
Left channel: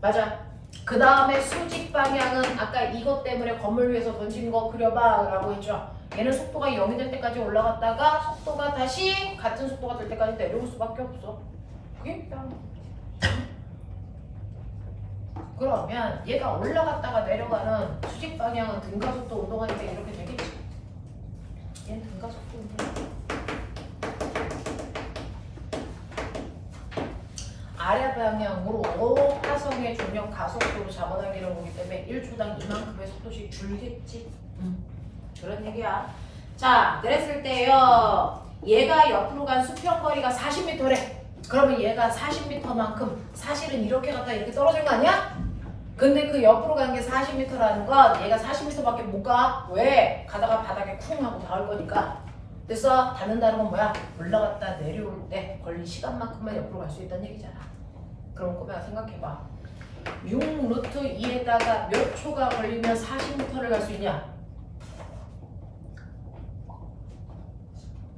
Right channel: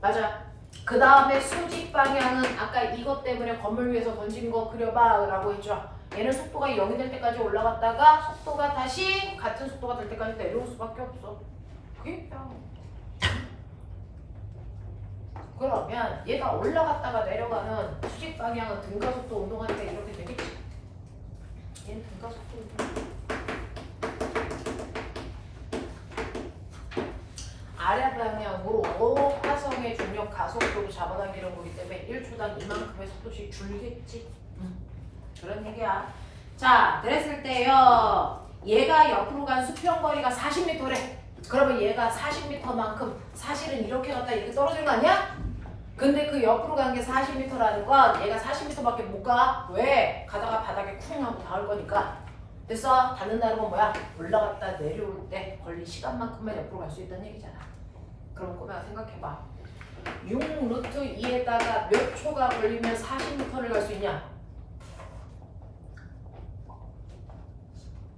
맞아. 그 다음에 수직 방향은 아까 이것 때문에 건물 위에서 던진 거 그려봐 라고 했죠. 얘는 속도가 0이 될 때까지 올라갔다가 속도가 다시 같은 속도가 될 때까지 내려올 수밖에 없어. 그게 그러면 얘가 올라갔다가 내려가는 수직 방향은 등가속도 운동하니까 이렇게 되겠지. 얘는 등가속도 운동. 아래 방향으로 화성의 중력 가속도로 잡아당기는 거기 때문에 1초당 이만큼의 속도씩 줄겠지. 그런 얘기야. 자, 그랬을 때요. 얘가 옆으로 간 수평거리가 40m래. 그러면 얘가 40m만큼 사실은 이렇게 갔다 이렇게 떨어진 거 아니야? 근데 그 옆으로 간 게 40m라는 건 얘가 40m밖에 못 가. 왜? 가다가 바닥에 쿵 하고 닿을 거니까. 됐어? 닿는다는 건 뭐야? 올라갔다 내려올 때 걸린 시간만큼만 옆으로 갈 수 있다는 얘기잖아. 그럼 꼬매가 생각해봐. 6루트 2에다가 몇 초가 걸리면 40m를 갈 수 있냐?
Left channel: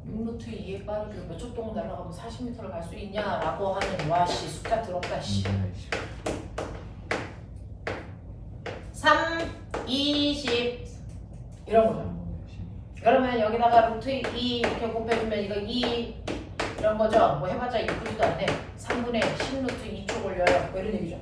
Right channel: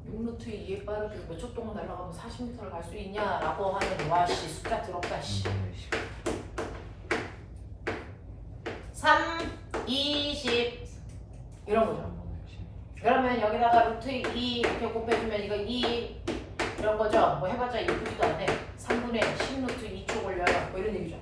6루트 2에 빠르게 몇 초 동안 날아가면 40m를 갈 수 있냐라고 하는 와씨 숫자 들었다 씨. 3, 20 이런 거죠. 그러면 여기다가 루트 2 이렇게 곱해주면 이거 2 이런 거죠. 뭐 해봤자 이쁘지도 않네. 3분의 10루트 2초 걸려요. 뭐 이런 얘기죠.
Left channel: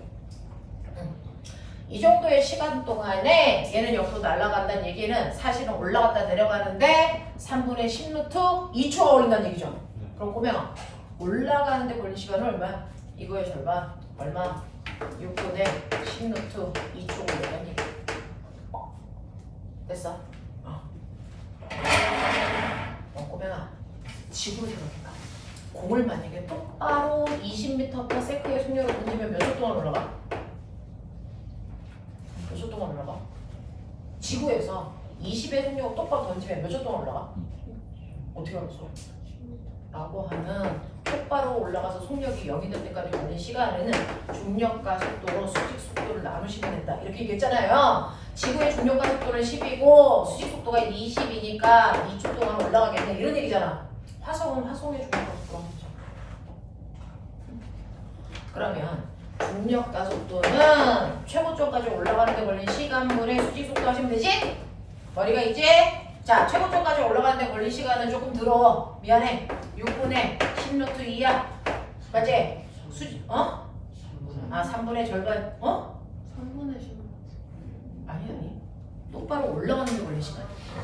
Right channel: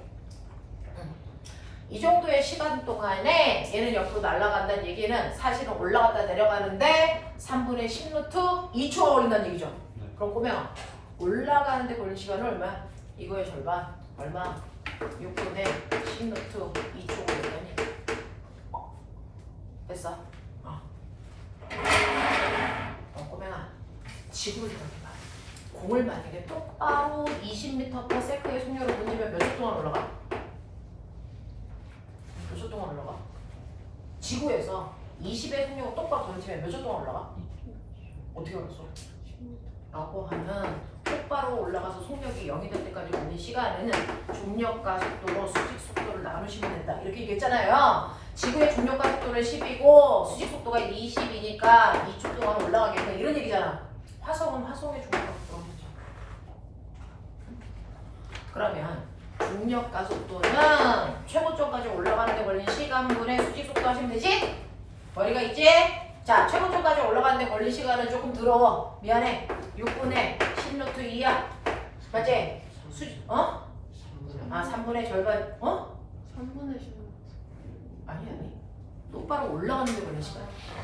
이 정도의 시간 동안에 얘는 옆으로 날아간다는 얘기는 사실은 올라갔다 내려가는데 3분의 10루트 2초가 걸린다는 얘기죠. 그럼 꼬맹아 올라가는데 걸린 시간은 얼마야? 이거의 절반 얼마? 6분의 10루트 2초 걸린다는 얘기. 됐어? 꼬맹아 지구를 생각해봐. 공을 만약에 똑바로 20m/s의 속력으로 던지면 몇 초 동안 올라가? 몇 초 동안 올라가? 지구에서 20의 속력을 똑바로 던지면 몇 초 동안 올라가? 어떻게 알았어? 라고 하는 똑바로 올라가서 속력이 0이 될 때까지 걸린 시간에는 중력과 속도로 수직 속도를 나누시면 된다. 이렇게 얘기했잖아요. 지구의 중력과 속도는 10이고 수직 속도가 20이니까 2초 동안 올라가겠네 이런 얘기잖아. 화성은 화성의 중력과 속도가 되죠. 그러면 중력과 속도는 최고점까지 올라가는 데 걸린 시간분의 수직 속도 하시면 되지? 머리가 있지? 자, 최고점까지 올라가는 데 걸린 시간은 조금 더러워. 미안해. 6분의 10루트 2야. 맞지? 수직, 어? 3분의 절반, 어? 3분의 10. 아니. 똑바로 올라가는 데 걸린 시간.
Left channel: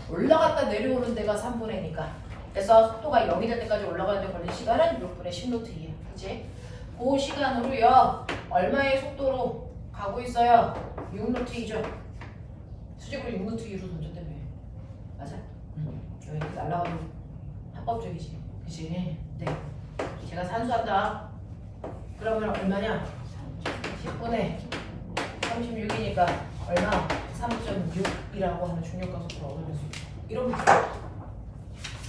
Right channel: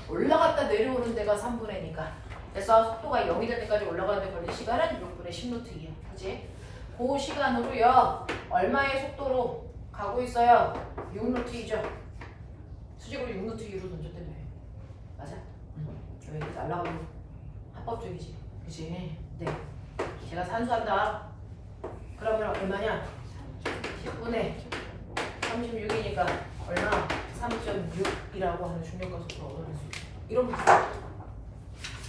올라갔다 내려오는 데가 3분의니까. 그래서 속도가 0이 될 때까지 올라가는 데 걸린 시간은 6분의 10루트 2야. 그치? 그 시간으로요. 얼마의 속도로 가고 있어요? 6루트 2죠. 수직으로 6루트 2로 던졌다며. 맞아? 여기 날라가면 합법적이지. 그치? 네. 제가 산수한다. 그러면 얼마냐? 10분의 36이니까 얼마? 3.6이라고 하면 중력과 속도를 얻어낼 수 있어. 이런 문제.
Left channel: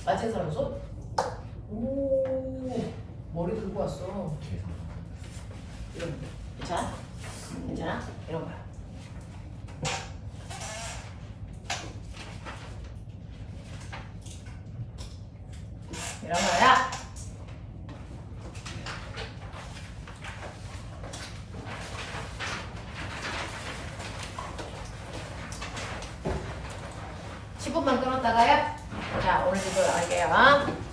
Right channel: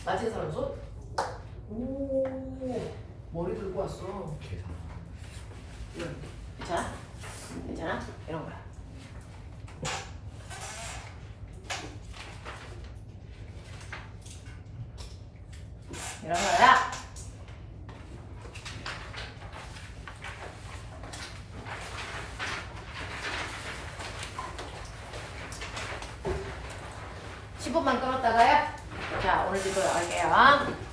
맞힌 사람 손? 오, 머리 들고 왔어. 계산. 이런. 괜찮아? 괜찮아? 이런 거야. 이런 거야. (10분만) 끊었다가요. 자, 오늘 주소 나갈게요.